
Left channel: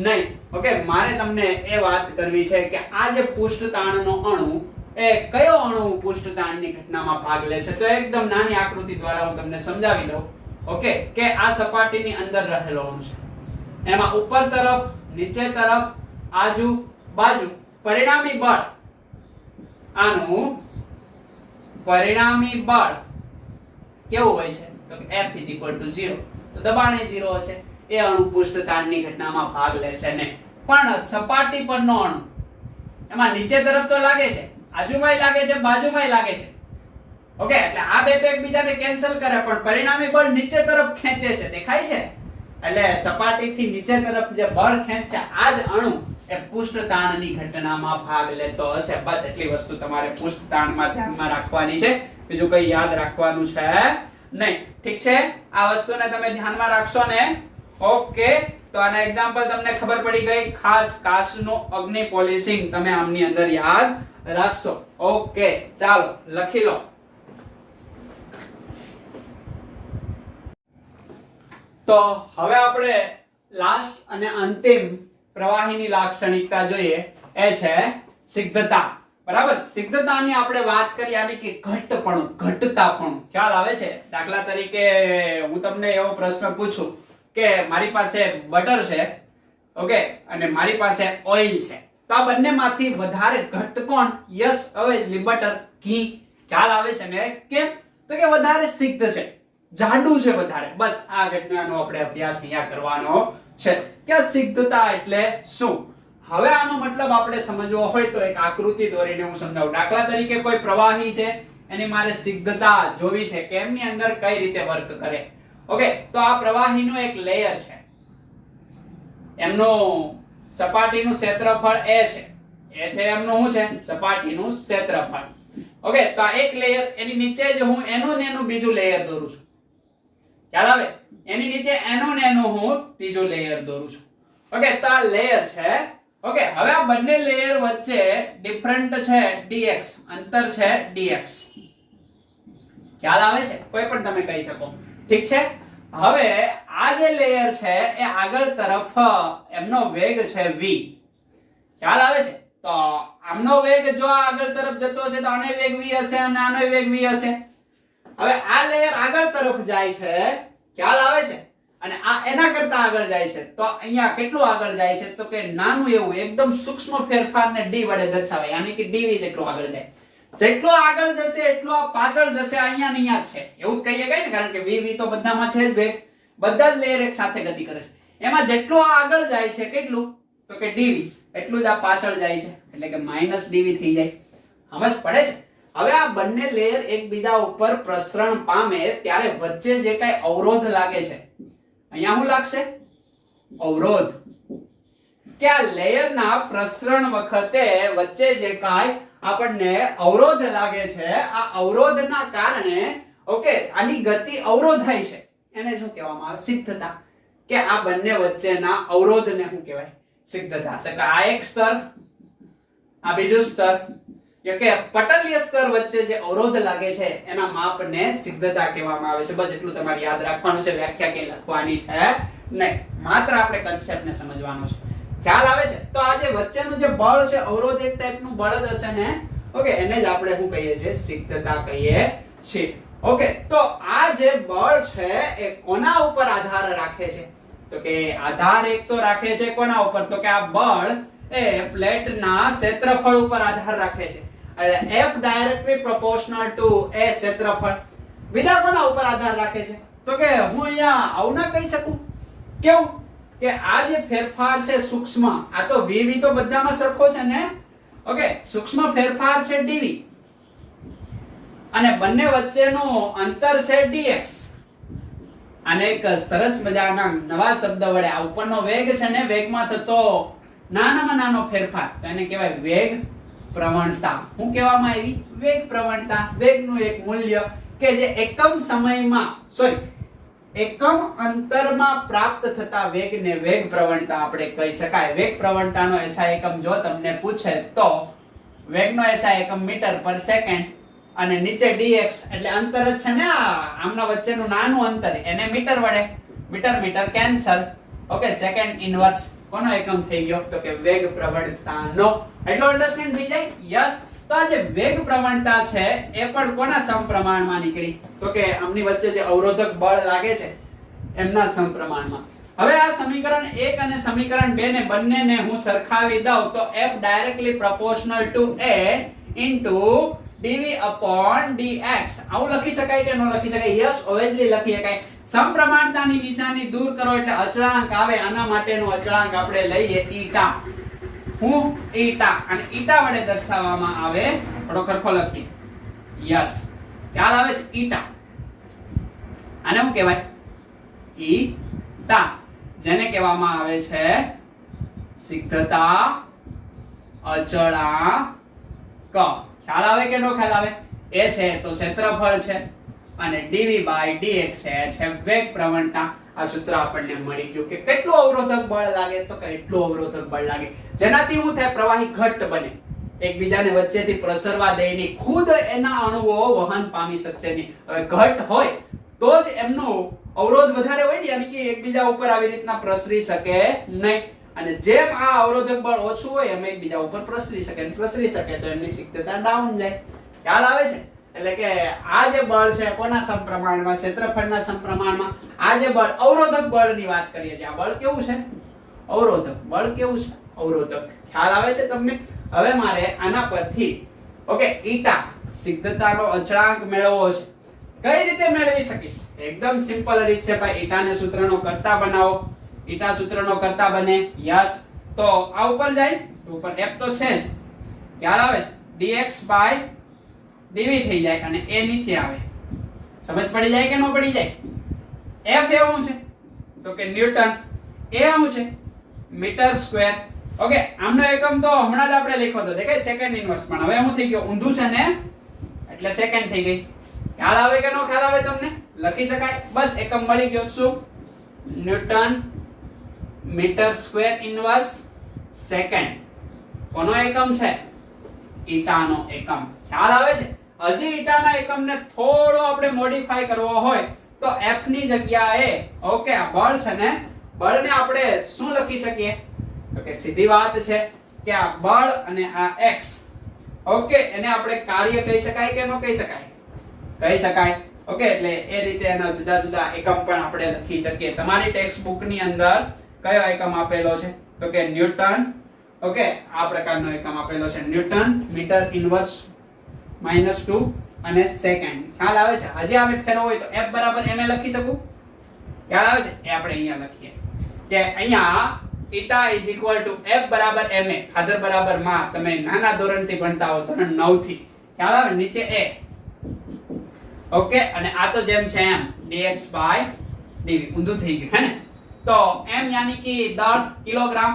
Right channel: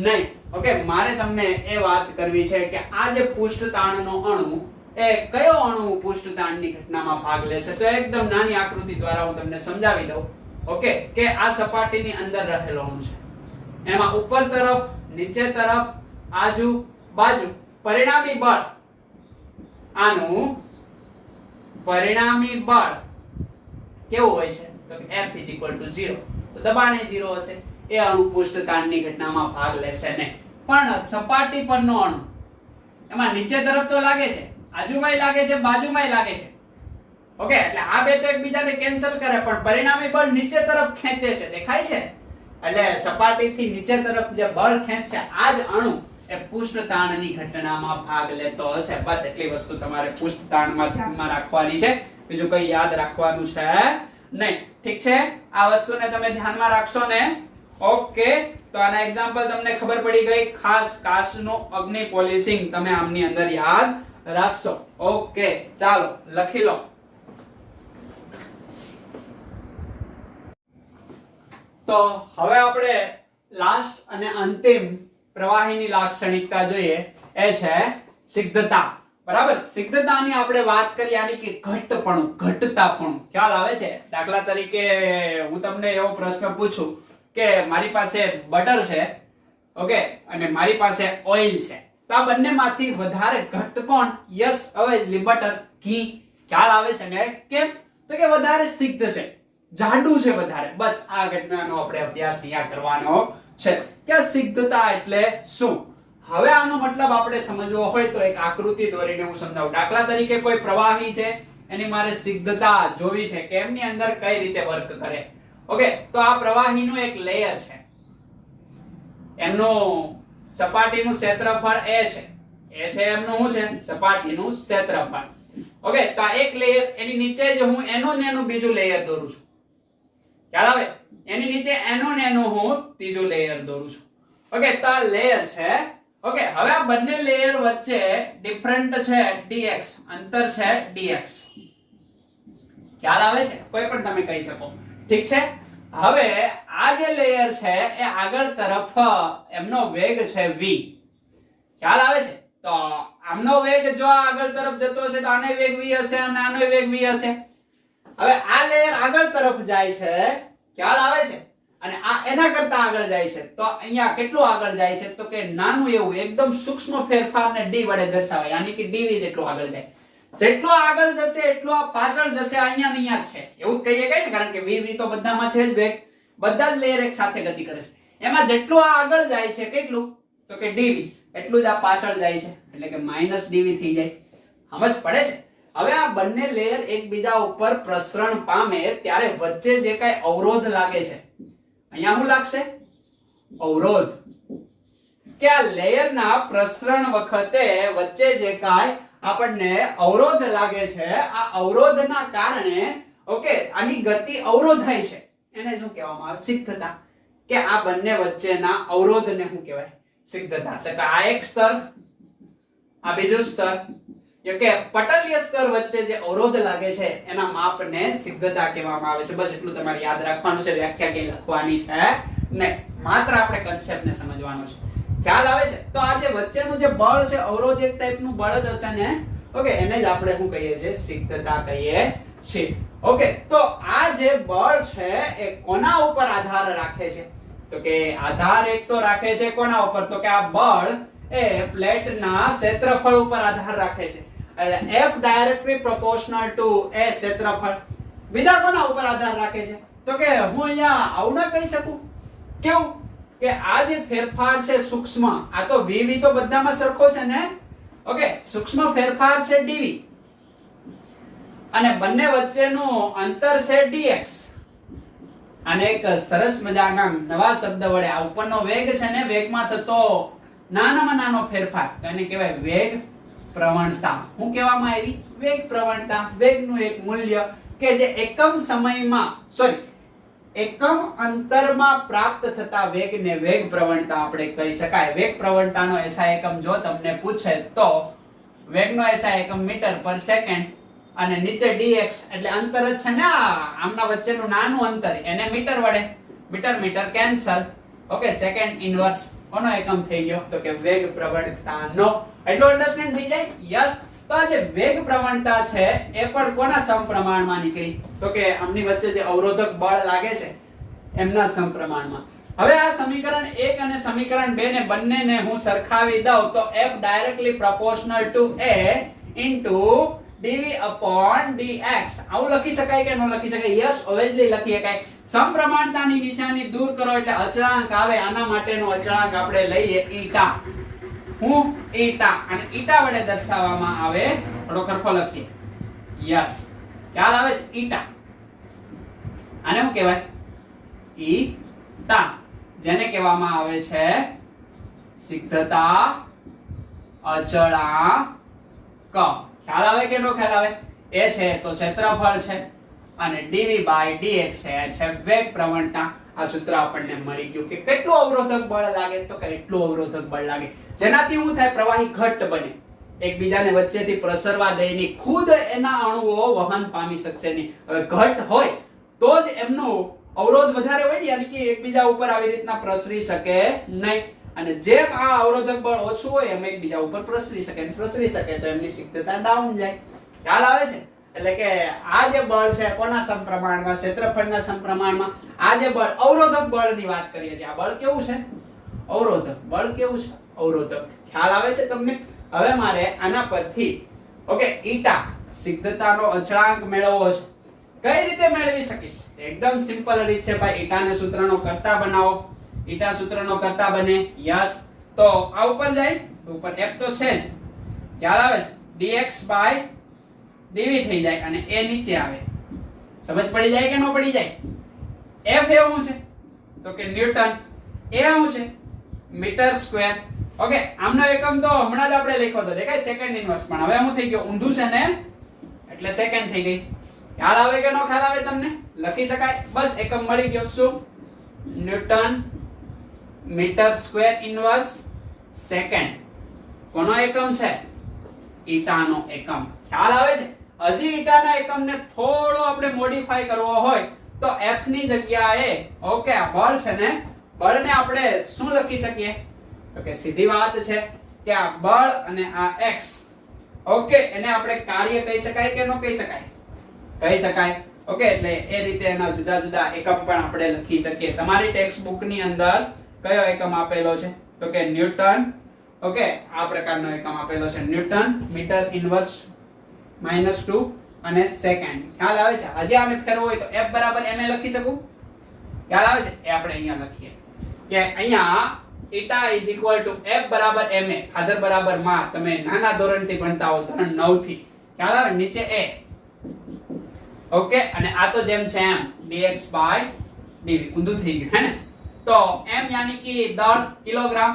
નહીં. ઓકે, મારે તમને એ વાત કરવી છે કે આ જે પૃષ્ઠ તાણનો અણુ એ કયો અણુ પૃષ્ઠ તાણની ઘટનામાં ભાગ લેશે? તો એકદમ નાની આકૃતિ દ્વારા હું તમને સમજાવી દઉં. ઓકે, કે આ સપાટીની અંદર રહેલો અણુ છે. એમાં ઉપર તરફ, નીચે તરફ, આજુ બાજુ પરિણામી બળ, આનું પરિણામી બળ કેવું હોય છે? તો F = 0. તો દબાણ એ 0 હશે. એ અણુ પૃષ્ઠ તાણની ઘટનામાં ભાગ લેશે નહીં. પણ સપાટી પરનો અણુ એમાં નીચે તરફ તો લાગે છે, આજુબાજુ લાગે છે, બાજુમાં લાગે છે. ઓકે, એટલે આ બે તો એકબીજાને કેન્સલ કરે પણ પરિણામી બળ નીચે તરફ ખેંચે છે. દેખાય છે? એટલે સપાટીથી નીચે તરફ જે બળ ખેંચશે આ જ અણુ એ પૃષ્ઠતાણની ઘટનામાં ભાગ લેતો હશે. બસ એટલી વસ્તુ તમારે પૃષ્ઠતાણમાં ધ્યાનમાં રાખવાની છે, બીજું કઈ યાદ રાખવાનું છે નહીં. ઠીક છે, આ વસ્તુને તમે ધ્યાનમાં રાખશો ને. ઓકે, તો આના એક્ઝામ્પલ તમને ખબર પડી ગઈ. ખાસ કાચનું અગ્નિ પોલિશિંગ તમે આમની અંદર યાદ રાખશો. ઓકે, ચાલો લખી લો. તો હવે આપણે લાસ્ટ અને અંતિમ પ્રવાહીની લાક્ષણિકતા જોઈએ, એ છે સિગ્ધતા. બરાબર, સિગ્ધતાની આપણે વાત કરી, યાની કે ઘટપણું, ઘટતાપણું. ખ્યાલ આવે છે? દાખલા તરીકે હું તમને એવો પ્રશ્ન પૂછું કે મારી પાસે બટર છે, ઓકે, અને મારી પાસે ઓઇલ છે, તો આ બંનેમાંથી વધારે ઘટ કોણ? યસ, ઓબ્વિયસલી બટર, ઘી. ખ્યાલ આવે છે ને? કેમ? તો કે વધારે સિગ્ધ છે, જાડું છે વધારે. બસ આ ઘટનાનો આપણે અભ્યાસ અહીંયા કરવાનો છે કે સિગ્ધતા એટલે શું. હવે આનો મતલબ આપણે સમજવો હોય તો એક આકૃતિ દોરીને હું સમજાવું. દાખલા તરીકે કોઈ પ્રવાહી છે, એની મારે સિગ્ધતા જોવી છે કે એમની અંદર કઈ રીતે વર્ક કરે. ઓકે, તો આ પ્રવાહીનું એક લેયર છે, એમનું સપાટીનું ક્ષેત્રફળ એ છે. એ છે એમનું શું છે? સપાટીનું ક્ષેત્રફળ. ઓકે, તો આ એક લેયર, એની નીચે જ હું એનું ને એનું બીજું લેયર દોરું છું. ખ્યાલ આવે? એની નીચે એનું ને એનું હું ત્રીજું લેયર દોરું છું. ઓકે, તો આ લેયર છે. ઓકે, હવે આ બંને લેયર વચ્ચે ડિફરન્ટ છે dx, અંતર છે dx. ખ્યાલ આવે છે? કોઈ પણ તમે કહી શકો. ઠીક છે, હવે આ જે લેયર છે એ આગળ તરફ એમનો વેગ છે v. ખ્યાલ આવે છે? તો આમનો વેગ જો આગળ તરફ જતો હશે તો આનો વેગ v હશે અને આનો વેગ v હશે. હવે આ લેયર આગળ તરફ જાય છે, ખ્યાલ આવે છે, અને આ એના કરતા આગળ જાય છે, તો અહીંયા કેટલું આગળ જાય છે? તો કે નાનું એવું એકદમ સૂક્ષ્મ ફેરફારને d વડે દર્શાવાય, યાની કે dv જેટલું આગળ જાય. જેટલો આગળ જશે એટલો આ પાછળ જશે, અહીંયા ને અહીંયા છે, એવું કહીએ કઈ ને, કારણ કે v તો બધામાં છે જ વેગ, બધા જ લેયર એક સાથે ગતિ કરે છે. એમાં જેટલું આ આગળ જાય છે કેટલું? તો કે dv, એટલું જ આ પાછળ જાય છે, એટલે કે -dv થઈ જાય. સમજ પડે છે? હવે આ બંને લેયર એકબીજા ઉપર પ્રસરણ પામે ત્યારે વચ્ચે જે કઈ અવરોધ લાગે છે, અહીંયા શું લાગશે? અવરોધ. કે આ લેયરના પ્રસરણ વખતે વચ્ચે જે કાંઈ આપણને અવરોધ લાગે છે, આ અવરોધના કારણે ઓકે આની ગતિ અવરોધાય છે, એને શું કહેવામાં આવે? સિગ્ધતા. કે આ બંને વચ્ચેના અવરોધને શું કહેવાય? સિગ્ધતા. તો આ એક સ્તર, આ બીજું સ્તર, કે પટલીય સ્તર વચ્ચે જે અવરોધ લાગે છે એના માપને સિગ્ધતા કહેવામાં આવે છે. બસ એટલું તમારે યાદ રાખવાનું છે, વ્યાખ્યા કઈ લખવાની છે નહીં, માત્ર આપણે કન્સેપ્ટને સમજવાનો છે. ખ્યાલ આવે છે? તો આ જે વચ્ચેનું જે બળ છે, અવરોધ એક ટાઈપનું બળ જ હશે ને. ઓકે, એને જ આપણે શું કહીએ છીએ? સિગ્ધતા કહીએ છીએ. ઓકે, તો આ જે બળ છે એ કોના ઉપર આધાર રાખે છે? તો કે આધાર એક તો રાખે છે કોના ઉપર? તો કે આ બળ એ પ્લેટના ક્ષેત્રફળ ઉપર આધાર રાખે છે. એટલે F directly proportional two A ક્ષેત્રફળ. બીજા કોના ઉપર આધાર રાખે છે? તો કે હું અહીંયા આવું ના કહી શકું. કેવું? કે આ જે ફેરફાર છે સૂક્ષ્મ, આ તો v તો બધામાં સરખો છે ને. ઓકે, સૂક્ષ્મ ફેરફાર છે dv અને બંને વચ્ચેનું અંતર છે dx. આને એક સરસ મજાના નવા શબ્દ વડે, આ ઉપરનો વેગ છે ને, વેગમાં થતો નાનામાં નાનો ફેરફાર, તો એને કહેવાય વેગ પ્રવણતા. શું કહેવામાં આવી? વેગ પ્રવણતા. વેગનું એક મૂલ્ય કે જે એકમ સમયમાં એકમ અંતરમાં પ્રાપ્ત થતા વેગને વેગ પ્રવણતા આપણે કહી શકાય. વેગ પ્રવણતાનો એસઆઈ એકમ જો તમને પૂછે તો વેગનો એસઆઈ એકમ મીટર પર સેકન્ડ, અને નીચે dx એટલે અંતર જ છે ને, આમના વચ્ચેનું નાનું અંતર, એને મીટર વડે, meter cancel. Okay, second inverse કોનો એકમ થઈ ગયો? તો કે વેગ પ્રવણતાનો. એટલો અન્ડરસ્ટેન્ડ થઈ જાય? યસ. તો આ જે વેગ પ્રવણતા છે એ પણ કોના સમપ્રમાણમાં નીકળી? તો કે આમની વચ્ચે જે અવરોધક બળ લાગે છે એમના સમપ્રમાણમાં. હવે આ સમીકરણ 1 અને સમીકરણ 2 ને બંનેને હું સરખાવી દઉં તો F directly proportional two A into dv upon dx આવું લખી શકાય કે ન લખી શકાય? યસ, ઓબ્વિયસલી લખી શકાય. સમપ્રમાણતાની નિશાની દૂર કરો એટલે અચળાંક આવે, આના માટેનો અચળાંક આપણે લઈએ ઈટા. હું ઈટા, અને ઈટા વડે દર્શાવવામાં આવે, થોડો સરખો લખીએ. યસ, ખ્યાલ આવે છે? ઈટા. આને શું કહેવાય? ઈટા, જેને કહેવામાં આવે છે સિદ્ધતા અચળાંક. ખ્યાલ આવે કે નો ખ્યાલ આવે? એ છે તો ક્ષેત્રફળ છે અને dv by dx છે વેગ પ્રવણતા. આ સૂત્ર આપણને મળી ગયું કે કેટલું અવરોધક બળ લાગે, તો કે એટલું અવરોધક બળ લાગે જેનાથી શું થાય? પ્રવાહી ઘટ્ટ બને, એકબીજાને વચ્ચેથી પ્રસરવા દે નહીં, ખુદ એના અણુઓ વહન પામી શકશે નહીં. હવે ઘટ્ટ હોય તો જ એમનો અવરોધ વધારે હોય ને, યાની કે એકબીજા ઉપર આવી રીતના પ્રસરી શકે નહીં. અને જેમ આ અવરોધક બળ ઓછું હોય એમ એકબીજા ઉપર પ્રસરી શકે તો એમની સિદ્ધતા ડાઉન જાય. ખ્યાલ આવે છે? એટલે કે આ જે બળ છે કોના સમપ્રમાણમાં? ક્ષેત્રફળના સમપ્રમાણમાં. આ જે બળ અવરોધક બળની વાત કરીએ છીએ, આ બળ કેવું છે? અવરોધક બળ. કેવું છે? અવરોધક. ખ્યાલ આવે છે તમને? હવે મારે આના પરથી ઓકે ઈટા સિદ્ધતાનો અચળાંક મેળવવો છે. કઈ રીતે મેળવી શકીશ? એકદમ સિમ્પલ રીત છે ભાઈ. ઈટાને સૂત્રનો કર્તા બનાવો. ઈટા સૂત્રનો કર્તા બને. યસ. તો આ ઉપર જાય તો ઉપર f તો છે જ. ખ્યાલ આવે છે? dx by dv થઈ જાય અને a નીચે આવે. સમજ પડી જાય કે નો પડી જાય? f એવું છે તો કે ન્યૂટન, a શું છે? Metre square. ઓકે, આમનો એકમ તો હમણાં જ આપણે લખ્યો હતો, દેખાય? Second inverse. પણ હવે શું થઈ ગયું? ઊંધું છે ને, એટલે સેકન્ડ થઈ ગઈ. ખ્યાલ આવે કે નો ખ્યાલ આવે તમને? લખી શકાય. બસ એકમ મળી ગયો. શું? Newton meter square inverse second. કોનો એકમ છે? ઈટાનો એકમ. ખ્યાલ આવે છે? હજી ઈટાના એકમને થોડો આપણે મોડિફાઈ કરવો હોય તો f ની જગ્યાએ ઓકે આ બળ છે ને, બળને આપણે શું લખી શકીએ? તો કે સીધી વાત છે કે આ બળ અને આ x ઓકે એને આપણે કાર્ય કહી શકાય કે નો કહી શકાય? કહી શકાય. ઓકે, એટલે એ રીતે એના જુદા જુદા એકમ પણ આપણે લખી શકીએ. તમારી ટેક્સ્ટ બુક ની અંદર કયો એકમ આપેલો છે? તો કે ન્યૂટન. ઓકે, આ પ્રકારનો એકમ આપેલો છે. ન્યૂટન મીટર ઇન્વર્સ -2 અને સેકન્ડ. ખ્યાલ આવે છે? હજી આને ફેરવો હોય તો f બરાબર ma લખી શકું. ખ્યાલ આવે છે? એ આપણે અહીંયા લખીએ કે અહીંયા eta is equal to f બરાબર ma. ખાધર બરાબર માં તમે નાના ધોરણથી ભણતા હો, ધોરણ 9 થી. ખ્યાલ આવે? નીચે a. ઓકે, અને આ તો જેમ છે એમ dx by dv. ઊંધું થઈ ગયું હે ને? તો m યાની કે દળ કિલોગ્રામ,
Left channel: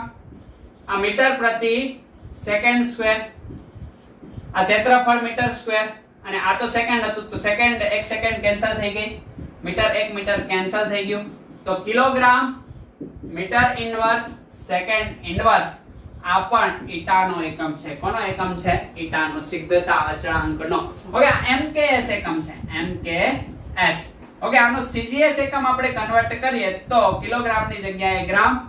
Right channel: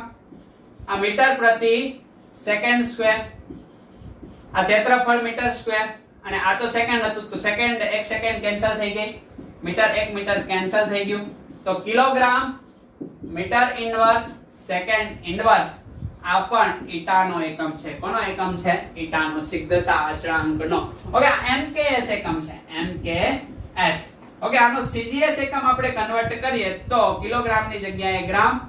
આ મીટર પ્રતિ સેકન્ડ સ્ક્વેર, આ ક્ષેત્રફળ મીટર સ્ક્વેર, અને આ તો સેકન્ડ હતું તો સેકન્ડ એક સેકન્ડ કેન્સલ થઈ ગઈ, મીટર એક મીટર કેન્સલ થઈ ગયું. તો kilogram meter inverse second inverse આ પણ ઈટાનો એકમ છે. કોનો એકમ છે? ઈટાનો, સિદ્ધતા અચળાંકનો. ઓકે, આ mks એકમ છે. mks. ઓકે, આનો cgs એકમ આપણે કન્વર્ટ કરીએ તો કિલોગ્રામની જગ્યાએ ગ્રામ,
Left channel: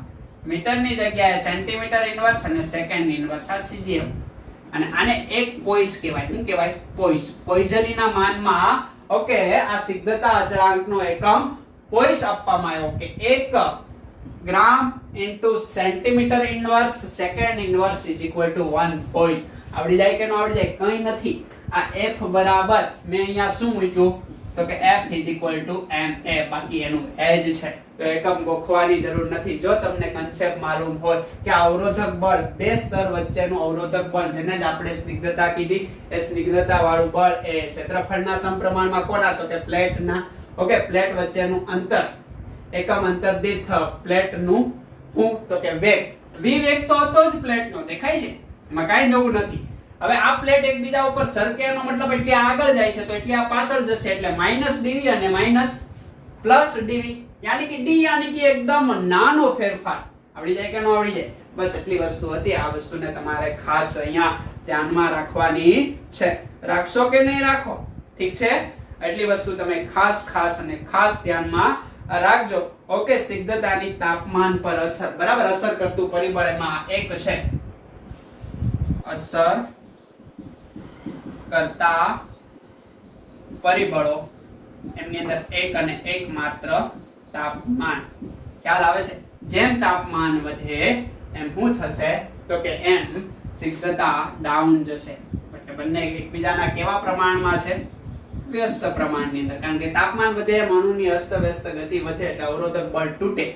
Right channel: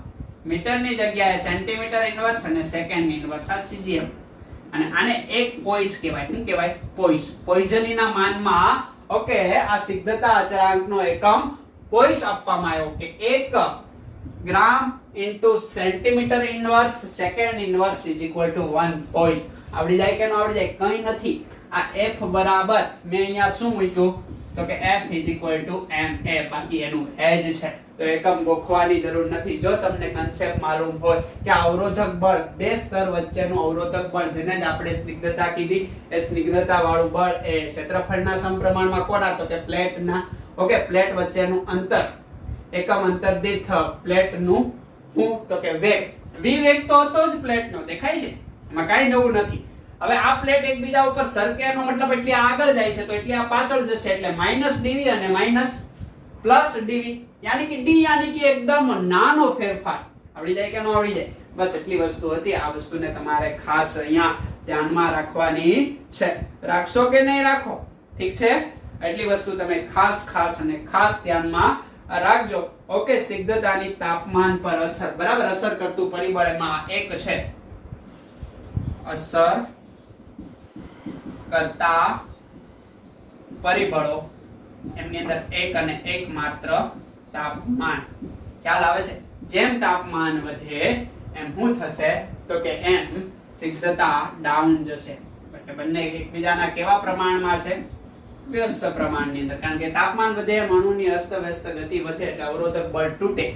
મીટરની જગ્યાએ સેન્ટીમીટર ઇન્વર્સ અને સેકન્ડ ઇન્વર્સ. આ cgm. અને આને એક પોઈસ કહેવાય. શું કહેવાય? પોઈસ. પોઈઝનીના માનમાં ઓકે આ સિદ્ધતા અચળાંકનો એકમ પોઈસ આપવામાં આવ્યો કે 1 gram into centimetre inverse second inverse is equal to 1 poise. આવડી જાય કે નો આવડી જાય? કંઈ નથી. આ f બરાબર મેં અહીંયા શું મૂક્યું? તો કે f is equal two ma. બાકી એનું હેજ છે તો એકમ ગોખવાની જરૂર નથી. જો તમને કન્સેપ્ટ માલુમ હોય કે અવરોધક બળ, બે સ્તર વચ્ચેનું અવરોધક બળ જેને જ આપણે સ્નિગ્ધતા કીધી, એ સ્નિગ્ધતા વાળું બળ એ ક્ષેત્રફળના સમપ્રમાણમાં કોના? તો કે પ્લેટના. ઓકે, પ્લેટ વચ્ચેનું અંતર, એકમ અંતર દીઠ પ્લેટનું હું તો કે વેગ. v વેગ તો હતો જ પ્લેટનો, દેખાય છે? એમાં કાંઈ નવું નથી. હવે આ પ્લેટ એકબીજા ઉપર સરકે એનો મતલબ એટલી આગળ જાય છે તો એટલી આ પાછળ જશે, એટલે -dv અને +dv. યાની કે d યાની કે એકદમ નાનો ફેરફાર. આવડી જાય કે નો આવડી જાય? બસ એટલી વસ્તુ હતી. આ વસ્તુને તમારે ખાસ અહીંયા ધ્યાનમાં રાખવાની છે. રાખશો કે નહીં રાખો? ઠીક છે? એટલી વસ્તુ તમે ખાસ અને ખાસ ધ્યાનમાં રાખજો. ઓકે, સિદ્ધતાની તાપમાન પર અસર. બરાબર, અસર કરતું પરિબળ એમાં એક છે અસર કરતા પરિબળો. એમની અંદર એક અને એક માત્ર તાપમાન. ખ્યાલ આવે છે? જેમ તાપમાન વધે એમ શું થશે? તો કે એમ સિદ્ધતા ડાઉન જશે. એટલે બંને એકબીજાના કેવા પ્રમાણમાં છે? વ્યસ્ત પ્રમાણની અંદર. કારણ કે તાપમાન વધે એમ અણુની અસ્તવ્યસ્ત ગતિ વધે એટલે અવરોધક બળ તૂટે.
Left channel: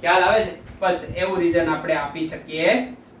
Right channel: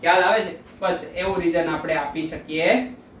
ખ્યાલ આવે છે? બસ એવું રીઝન આપણે આપી શકીએ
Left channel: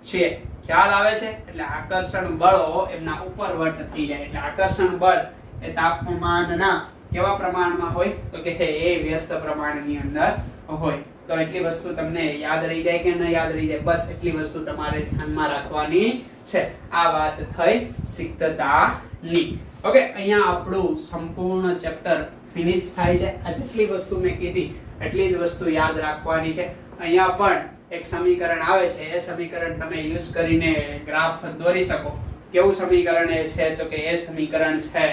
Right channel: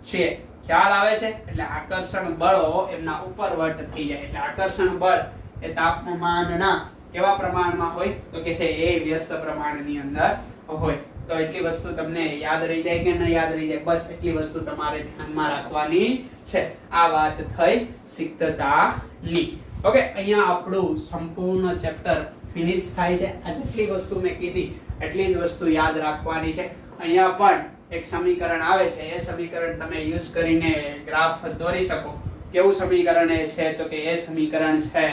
છીએ. ખ્યાલ આવે છે? એટલે આકર્ષણ બળો એમના ઉપરવટ થઈ જાય. એટલે આકર્ષણ બળ એ તાપમાનના કેવા પ્રમાણમાં હોય? તો કે એ વ્યસ્ત પ્રમાણની અંદર હોય. તો તો એટલી વસ્તુ તમને યાદ રહી જાય કે ન યાદ રહી જાય, બસ એટલી વસ્તુ તમારે ધ્યાનમાં રાખવાની છે. આ વાત થઈ સિક્તતાની. ઓકે, અહીંયા આપણું સંપૂર્ણ ચેપ્ટર ફિનિશ થાય છે. આ જેટલી વસ્તુ મેં કીધી એટલી જ વસ્તુ યાદ રાખવાની છે. અહીંયા પણ એક સમીકરણ આવે છે, એ સમીકરણ તમે યુઝ કરીને ગ્રાફ દોરી શકો. કેવું સમીકરણ એ છે તો કે એ સમીકરણ છે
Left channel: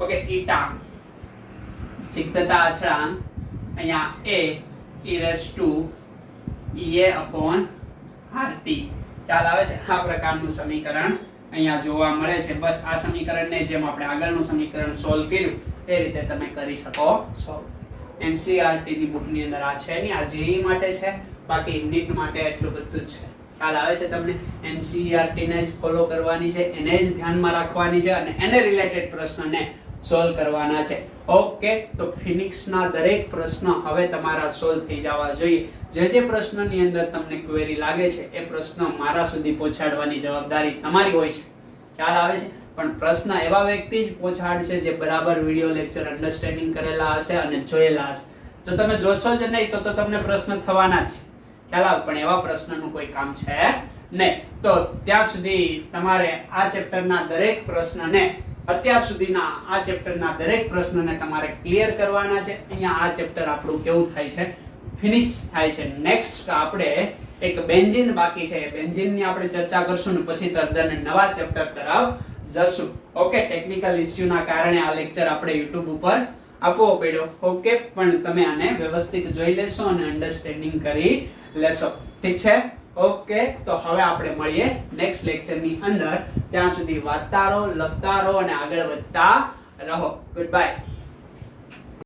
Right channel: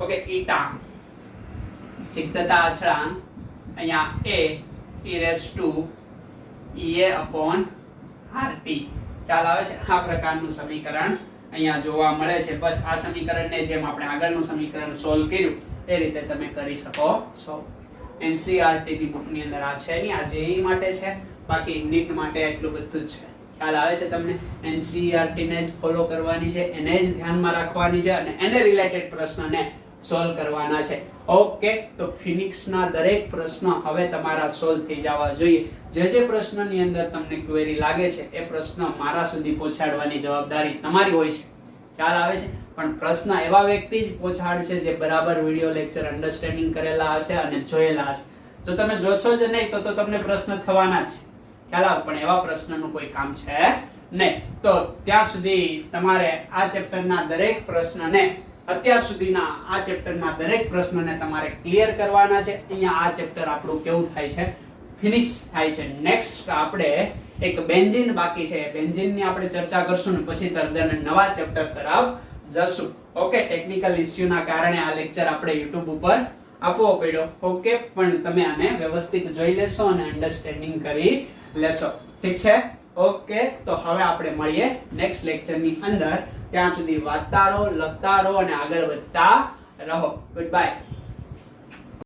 ઓકે ઈટા સિક્તતા અચળાંક અહીંયા a e raised to ea upon rt. ખ્યાલ આવે છે? આ પ્રકારનું સમીકરણ અહીંયા જોવા મળે છે. બસ આ સમીકરણને જેમ આપણે આગળનું સમીકરણ સોલ્વ કર્યું એ રીતે તમે કરી શકો છો. NCERT ની બુકની અંદર આ છે નહીં, આ JEE માટે છે, બાકી નીટ માટે એટલું બધું જ છે. ખ્યાલ આવે છે તમને? NCERT ને જ ફોલો કરવાની છે, એને જ ધ્યાનમાં રાખવાની છે અને એને રિલેટેડ પ્રશ્નને સોલ્વ કરવાના છે. ઓકે, તો ફિનિક્સના દરેક પ્રશ્ન હવે તમારા સોલ્વ થઈ જવા જોઈએ. જે પ્રશ્નની અંદર તમને ક્વેરી લાગે છે એ પ્રશ્ન મારા સુધી પહોંચાડવાની જવાબદારી તમારી હોય છે. ખ્યાલ આવે છે? પણ પ્રશ્ન એવા વ્યક્તિ જ પહોંચાડશે જે બરાબર વિડિયો લેક્ચર અન્ડરસ્ટેન્ડિંગ કરેલા હશે અને જોયેલા હશે. જો તમે જોશો જ નહીં તો તમને પ્રશ્ન થવાના જ છે. ખ્યાલ આવે? પણ એવા પ્રશ્નનું કોઈ કામ છે નહીં. તો ત્યાં સુધી તમારે આ ચેપ્ટરના દરેક પ્રશ્નને અત્યાર સુધીના આ ચેપ્ટરના દરેક પ્રશ્નોને તમારે ક્લિયર કરવાના છે. અહીંયા આ ચેપ્ટર આપણું કેવું થાય છે? ફિનિશ થાય છે. નેક્સ્ટ આપણે એક બેન્ઝીન બાકી છે. બેન્ઝીનની આપણે ચર્ચા કરશું ને પછી તદ્દન નવા ચેપ્ટર તરફ જશું. ઓકે, ટેકનિકલ ઇશ્યુના કારણે આ લેક્ચર આપણે YouTube ઉપર આપવો પડ્યો. ઓકે, પણ તમે આને વ્યવસ્થિત જોઈ લેશો અને અન્ડરસ્ટેન્ડિંગ કરી લેશો. ઠીક છે? ઓકે, તો હવે આપણે મળીએ નેક્સ્ટ લેક્ચરની અંદર. ત્યાં સુધી વાંચતા રહો, લખતા રહો અને આગળ વધતા રહો. Good bye.